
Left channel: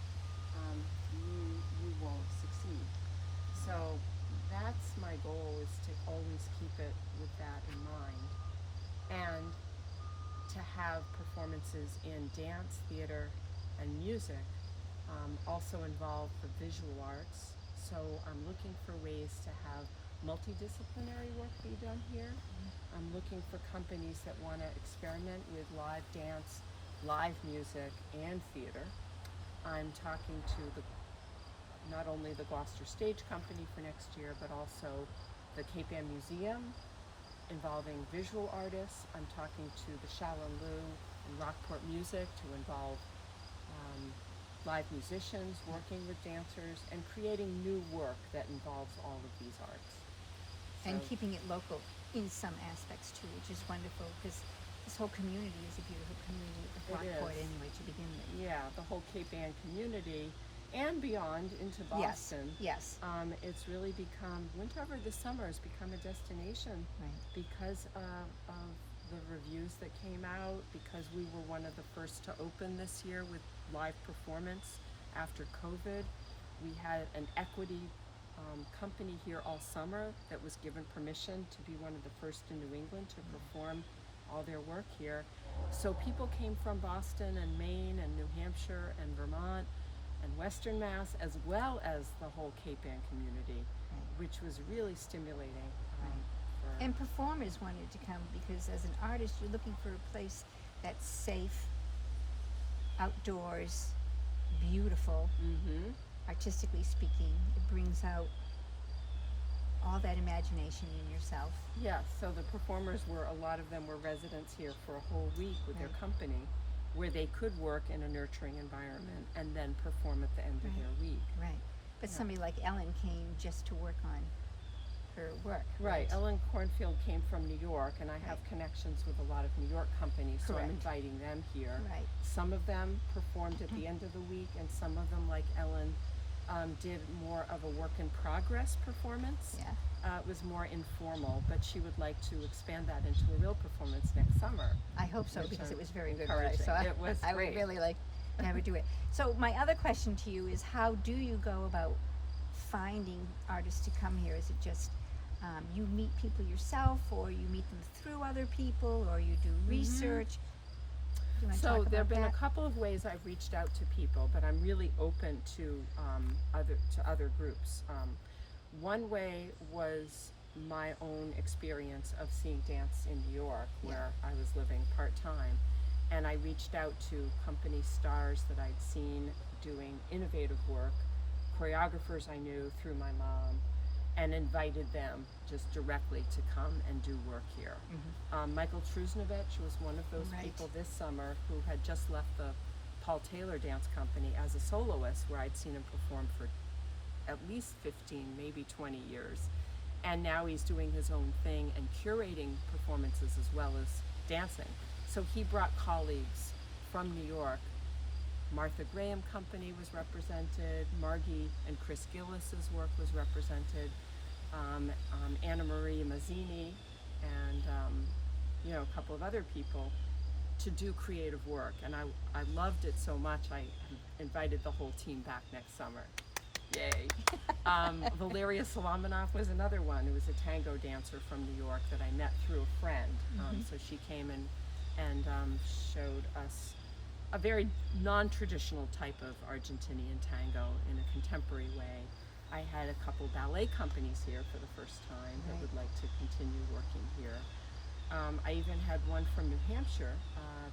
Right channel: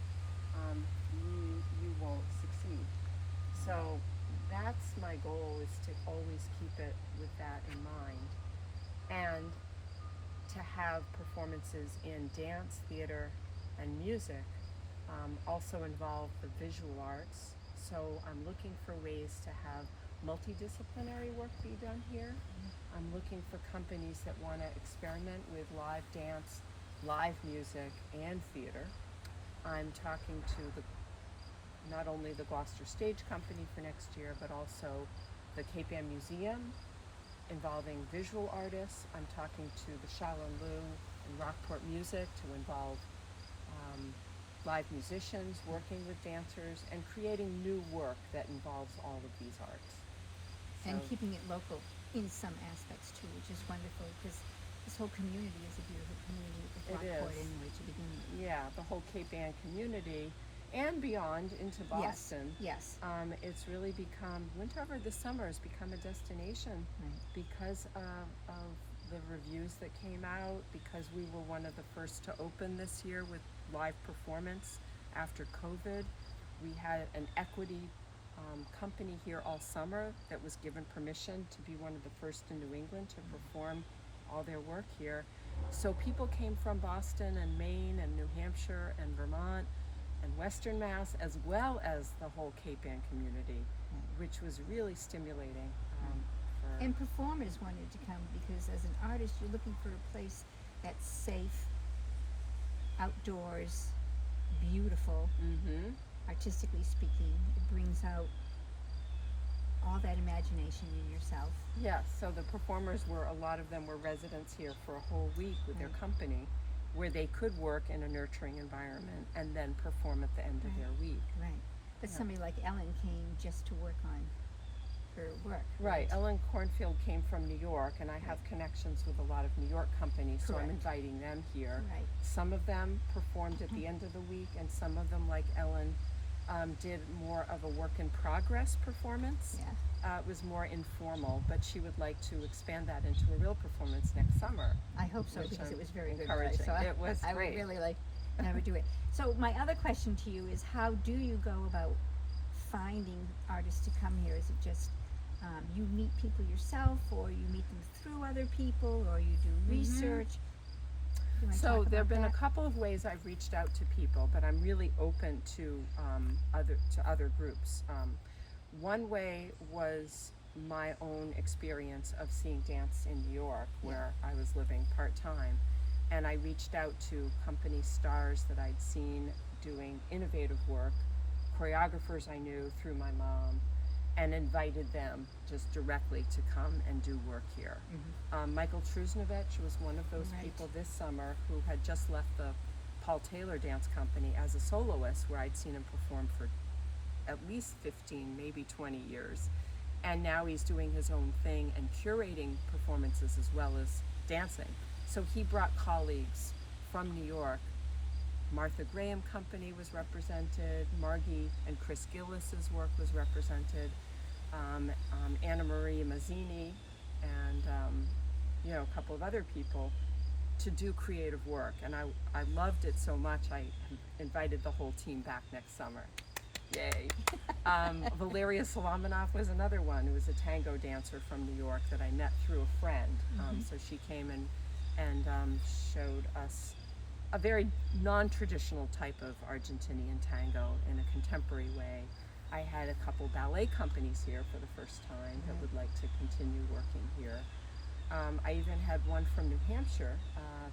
you won't succeed. So that's my goal, is to always keep it with that in mind, and to have performances in dance, theater, and music also involve the visual arts. So I'm looking for ways to have multidisciplinary work be done here. I'm looking for companies that want to experiment with live dance, live music, and theater. I'm talking to not only the Gloucester Stage Company for next year, but also the Cape Ann Museum involving visual artists. I'm talking to the Shaolin Lu and Rockport Music to involve live musicians working with dancers and creating new work that involves all of these arts. And So- keeping it local in some aspects too, which is wonderful, because this whole community is a beautiful community with It Rockport is. anyway to begin with. Yeah, the whole Cape Ann community and beyond into Boston. Yes. It's really become, Windhover this summer has become a destination Right. because of the reviews that came out, because we were one of the first to open this year with live performance after COVID. We had an equity company here all summer that was given permission to be one of the first in New England to perform all their work here. So people came from Boston and Maine and New Hampshire and Vermont and Western Mass, as well as the whole Cape Ann community, which was really stimulating. For And performers wanted to come because as an artist, you're looking for a place that's safe, outdoors, beautiful, Mhm. artistically speaking. It brings out all that imagination in yourself. Yeah, so the performers a lot of them were residents here for a whole week with their Right. company, where they could work in a nurturing environment and then perform at the end of Right. their week. Right. But Yeah. somebody like Ellen came just to work on her work. Right, Ellen Cornfield came from New York, and I have connections with a lot of New York companies, so I'm Correct. inviting them here. Right. Some of them performed at the end of the week, and some of them, like Ellen, did more of a work in progress performance. Yeah. It was more informal, but she would like to expand that into a real performance next summer. I hope so, Which because I'm it was very good. encouraging. So It was I great. would really like never do it. So my other question to you is, how do you go about finding artists to come here? Is it just you meet people yourself, or you meet them through other people, or you do research? Do you wanna So talk there have about been a that? couple of ways I've reached out to people, but I'm really open to other groups. One way was my own experience of seeing dance in New York, where I was living part-time, and I reached out to company stars that I'd seen doing innovative work, choreographers I knew through my mom, and invited them just directly to come and do work here. Michael Trusnovich was one of those Right. people this summer who had just left the Paul Taylor Dance Company as a soloist, where I'd seen him perform for at least 15, maybe 20 years. And now he's doing his own thing and curating performances as well as dancing. So he brought colleagues from New York. Martha Graham Company was represented, Margie and Chris Gillis's work was represented, Anna Marie Mazzini, and a couple of other people to do creative work. And I loved it so much, I invited the whole team back next summer. Yay. Valeria Solomonov was another one who was a tango dancer from New York that I met through a friend. So she came and showed us a very non-traditional type of Argentinian tango in a contemporary way. I had a couple ballet companies here for the first time that would like to continue working here. I even had one from New Hampshire,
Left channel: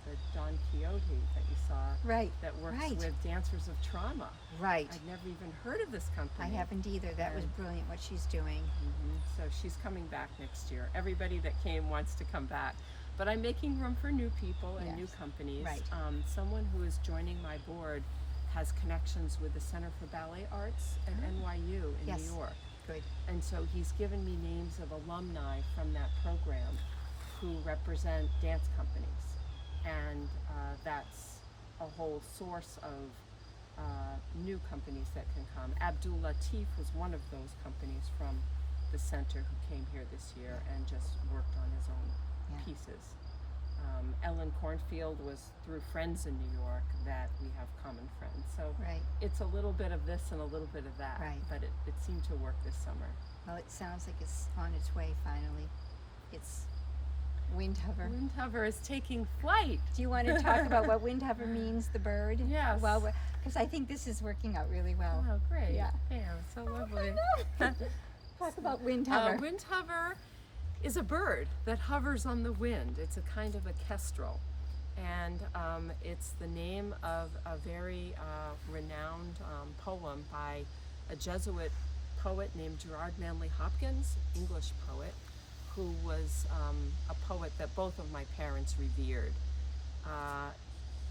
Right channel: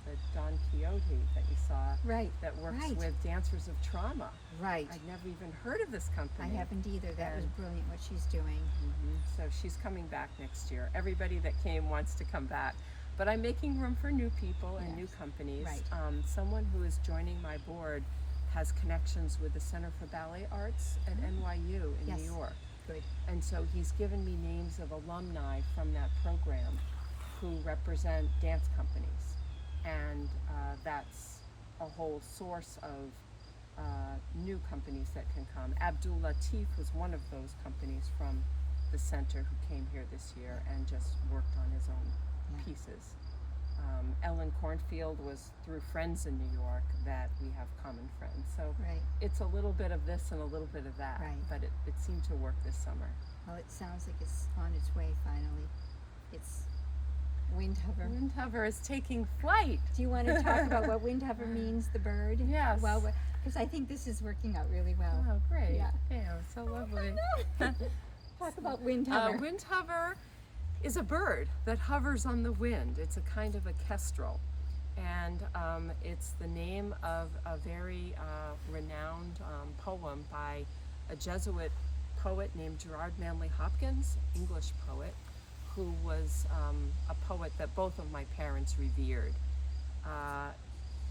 the Don Quixote that you saw, Right. that works Right. with dancers of trauma. Right. I'd never even heard of this company. I haven't either. That was And- brilliant what she's doing. So she's coming back next year. Everybody that came wants to come back. But I'm making room for new people and new Yes. companies. Right. Someone who is joining my board has connections with the Center for Ballet Arts at NYU in Yes. New York. Good. And so he's given me names of alumni from that program who represent dance companies. And that's a whole source of new companies that can come. Abdul Latif was one of those companies from the center who came here this year and just worked on his own pieces. Ellen Cornfield was through friends in New York that we have common friends. So Right. it's a little bit of this and a little bit of that, Right. but it seemed to work this summer. Well, it sounds like it's on its way finally. It's Windhover. Windhover is taking flight. Do you want to talk about what Windhover means, the bird? Yes. Well, because I think this is working out really well. Oh, great. Yeah. So lovely. Talk about Windhover. Windhover is a bird that hovers on the wind. It's a kind of a kestrel. And it's the name of a very renowned poem by a Jesuit poet named Gerard Manley Hopkins, English poet, who was a poet that both of my parents revered.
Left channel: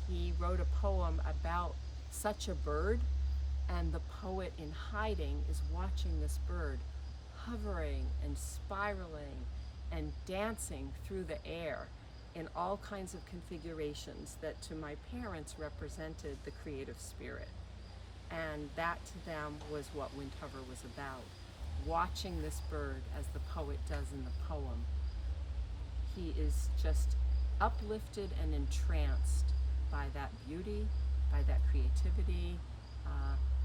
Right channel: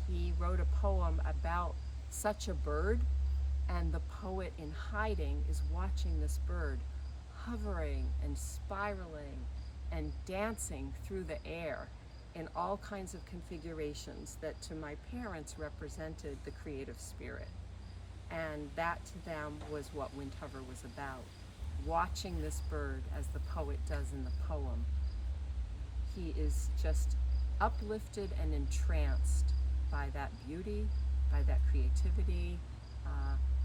He wrote a poem about such a bird, and the poet in hiding is watching this bird hovering and spiraling and dancing through the air in all kinds of configurations that to my parents represented the creative spirit. And that to them was what Windhover was about. Watching this bird as the poet does in the poem. He is just uplifted and entranced by that beauty, by that creativity,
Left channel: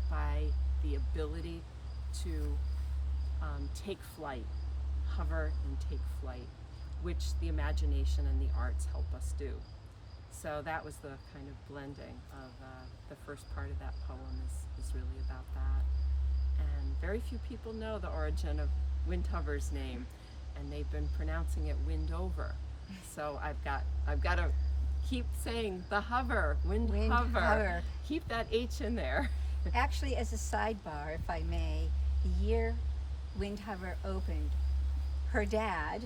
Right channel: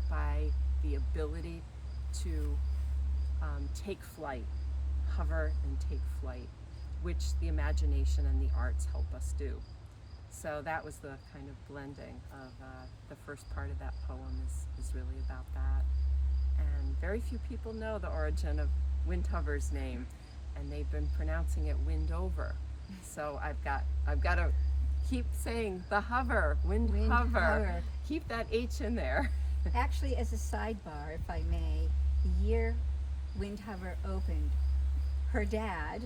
by the ability to take flight, hover and take flight, which the imagination and the arts help us do. So that was the kind of blending of the first part of that poem is really about that. And very few people know the origin of Windhover's name, and they've been pronouncing it Windhover. So I've got to keep saying the hover, Windhover. Windhover. Keep that H in there. Actually, as a sidebar, if I may, the year Windhover opened, her dad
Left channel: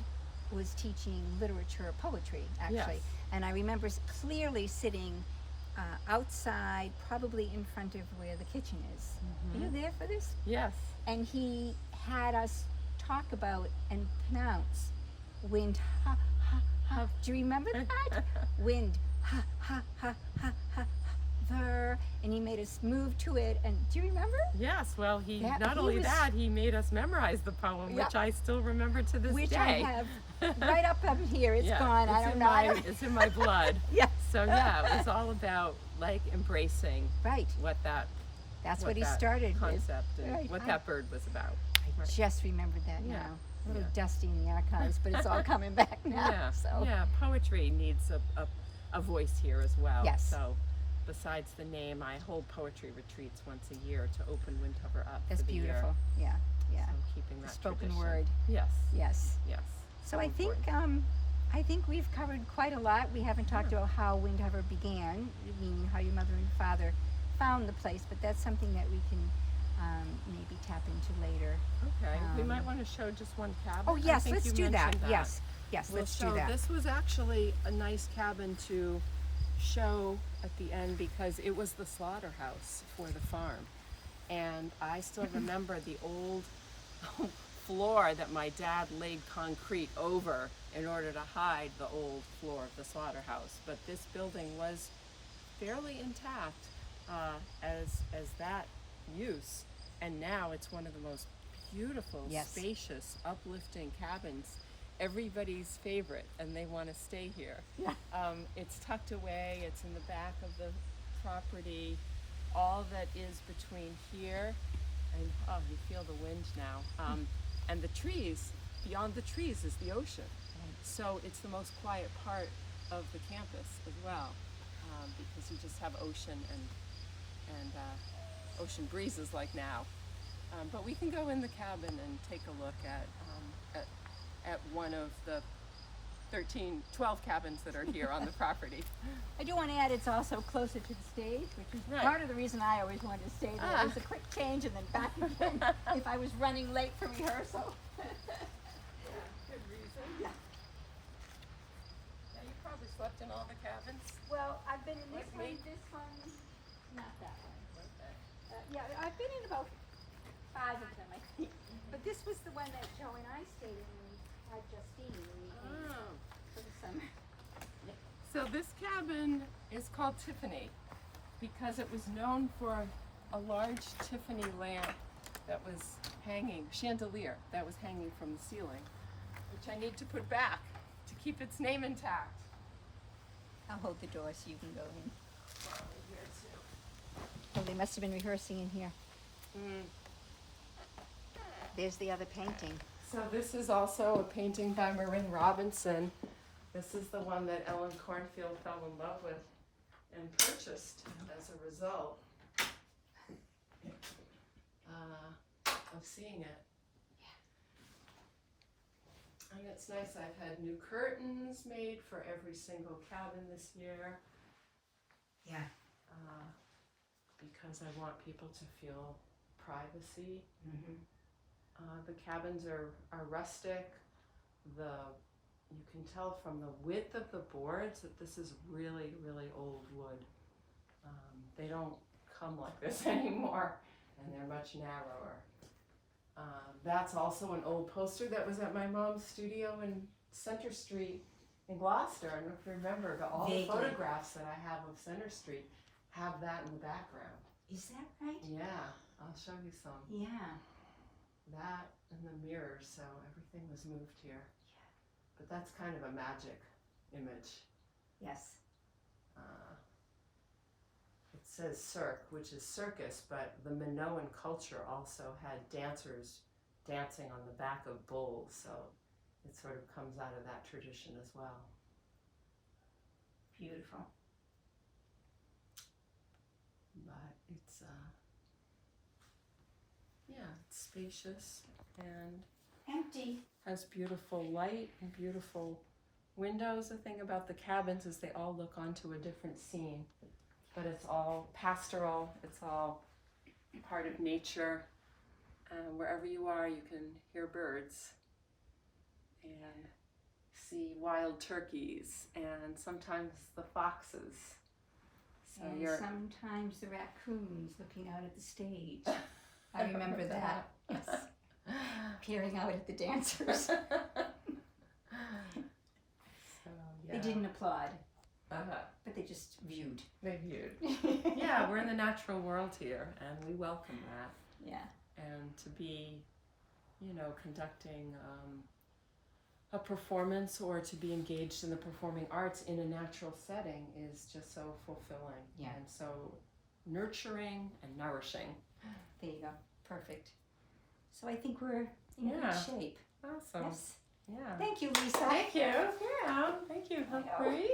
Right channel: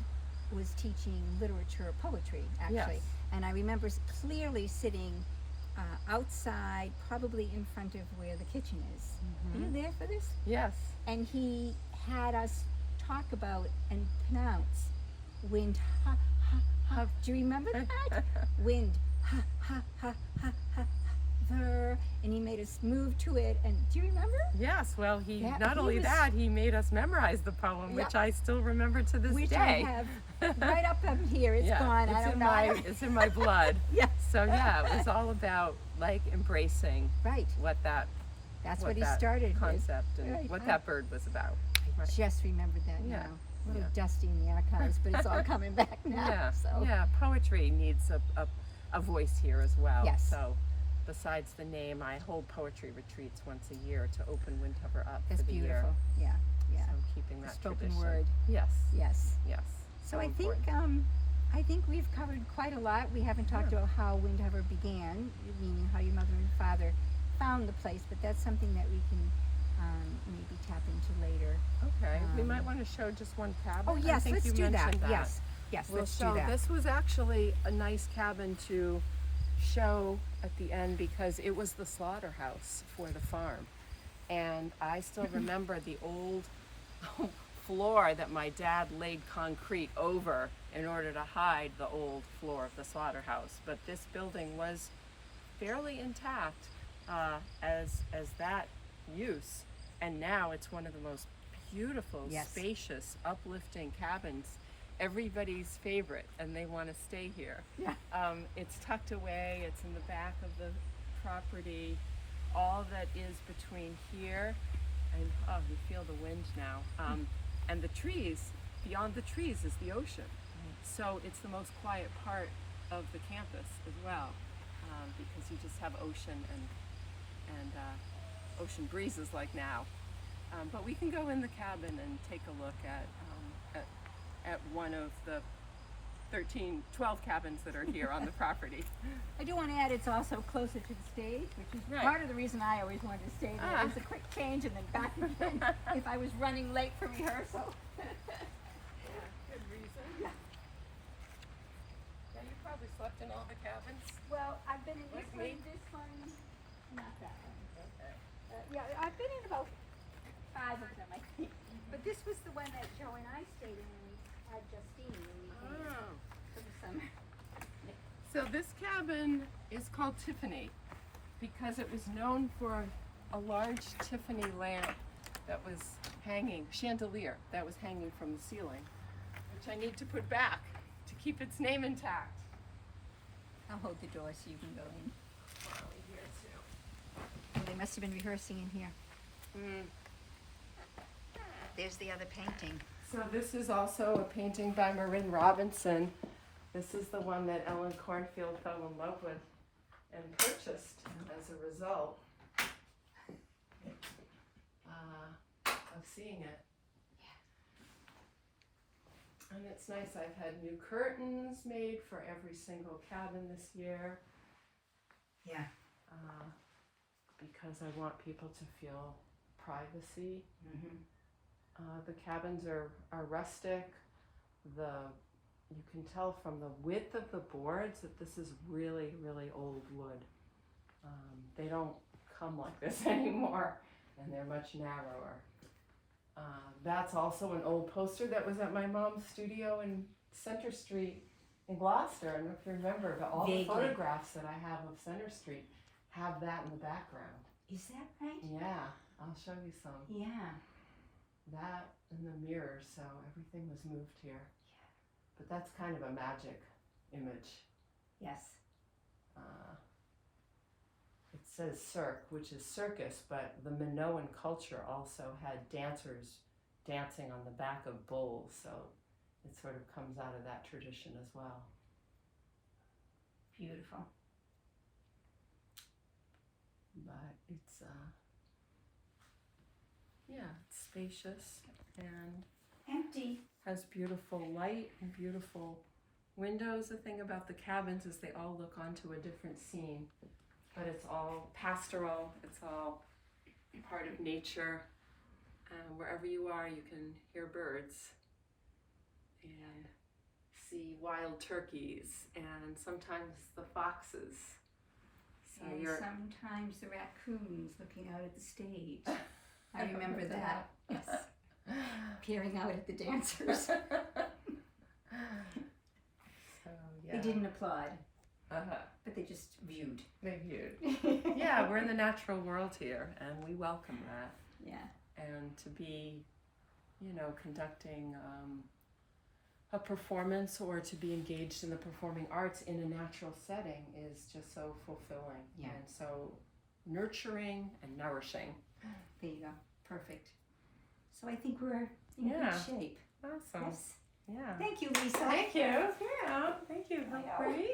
was teaching literature, poetry, actually. Yes. And I remember clearly sitting outside, probably in front of where the kitchen is. Are you there for this? Yes. And he had us talk about and pronounce wind ha ha ha. Do you remember that? Wind ha ha ha ha ha ver. And he made us move to it. And do you remember? Yes, well, Yeah, not he only was- that, he made us memorize the poem, which I still remember to this Which day. I have right up here. It's Yeah, gone. I it's don't in know. it's in my blood. Yes. So yeah, it was all about like embracing Right. what that That's what what he that started with. concept and Right. what that bird was about. Right. Just remembered that Yeah, now. A little yeah. dusty in the archives, but it's all coming back now. Yeah, So yeah. Poetry needs a voice here as well. Yes. So besides the name, I hold poetry retreats once a year to open Windhover up that's for the year. beautiful. Yeah. Yeah. So keeping that Spoken tradition. word. Yes. Yes. Yes. So I think important. I think we've covered quite a lot. We haven't talked Yeah. about how Windhover began, meaning how your mother and father found the place, but that's something that we can maybe tap into later. Okay, we might um, want to show just one cabin. Oh I yes, think let's you do that. mentioned that. Yes. Yes, Well, let's so do that. this was actually a nice cabin to show at the end because it was the slaughterhouse for the farm. And I still remember the old floor that my dad laid concrete over in order to hide the old floor of the slaughterhouse. But this building was fairly intact as that use. And now it's one of the most beautiful, Yes. spacious, uplifting cabins. Everybody's favorite, and they want to stay here. Yeah. It's tucked away. It's in the back of the property. All that is between here and you feel the wind now. And the trees. Beyond the trees is the ocean. So it's the most quiet part of the campus as well, because you just have ocean and ocean breezes like now. But we can go in the cabin and take a look at one of the 12 cabins that are here on the property. I do want to add it's also closer to the stage, which is Right. part of the reason I always wanted to stay there. It was a quick change and then back again if I was running late for rehearsal. Good reason. Yeah. Yeah, you probably slept in all the cabins. Well, I've been in Like me? this one, not that one. Okay. Yeah, I've been in about 5 of them, I think. But this was the one that Joe and I stayed in when we had Justine when we came Oh. for the summer. So this cabin is called Tiffany, because it was known for a large Tiffany lamp that was hanging, chandelier that was hanging from the ceiling, which I need to put back to keep its name intact. I'll hold the door so you can go in. Probably here too. Oh, they must have been rehearsing in here. Mm. There's the other painting. So this is also a painting by Marin Robinson. This is the one that Ellen Cornfield fell in love with and purchased as a result of seeing it. And it's nice. I've had new curtains made for every single cabin this year. Yeah. Because I want people to feel privacy. Mm-hmm. The cabins are rustic. You can tell from the width of the boards that this is really, really old wood. They don't come like this anymore, and they're much narrower. That's also an old poster that was at my mom's studio in Center Street in Gloucester. I don't know if you remember, but all the photographs that I have of Center Street have that in the background. Is that right? Yeah, I'll show you some. Yeah. That and the mirrors, so everything was moved here. But that's kind of a magic image. Yes. It says cirque, which is circus, but the Minoan culture also had dancers dancing on the back of bulls, so it sort of comes out of that tradition as well. Beautiful. But it's it's spacious and Empty. has beautiful light and beautiful windows. The thing about the cabins is they all look onto a different scene, but it's all pastoral, it's all part of nature. Wherever you are, you can hear birds and see wild turkeys and sometimes the foxes. So And you're sometimes the raccoons looking out at the stage. I remember that. Yes. Peering out at the dancers. So, yeah. They didn't applaud, Uh-huh. but they just viewed. They viewed. Yeah, we're in the natural world here, and we welcome that. Yeah. And to be, conducting a performance or to be engaged in the performing arts in a natural setting is just so fulfilling. Yeah. And so nurturing and nourishing. There you go. Perfect. So I think we're in Yeah. good shape. Awesome. Yes. Yeah. Thank you, Lisa. Thank you. Yeah. Thank you. I know. Hillary.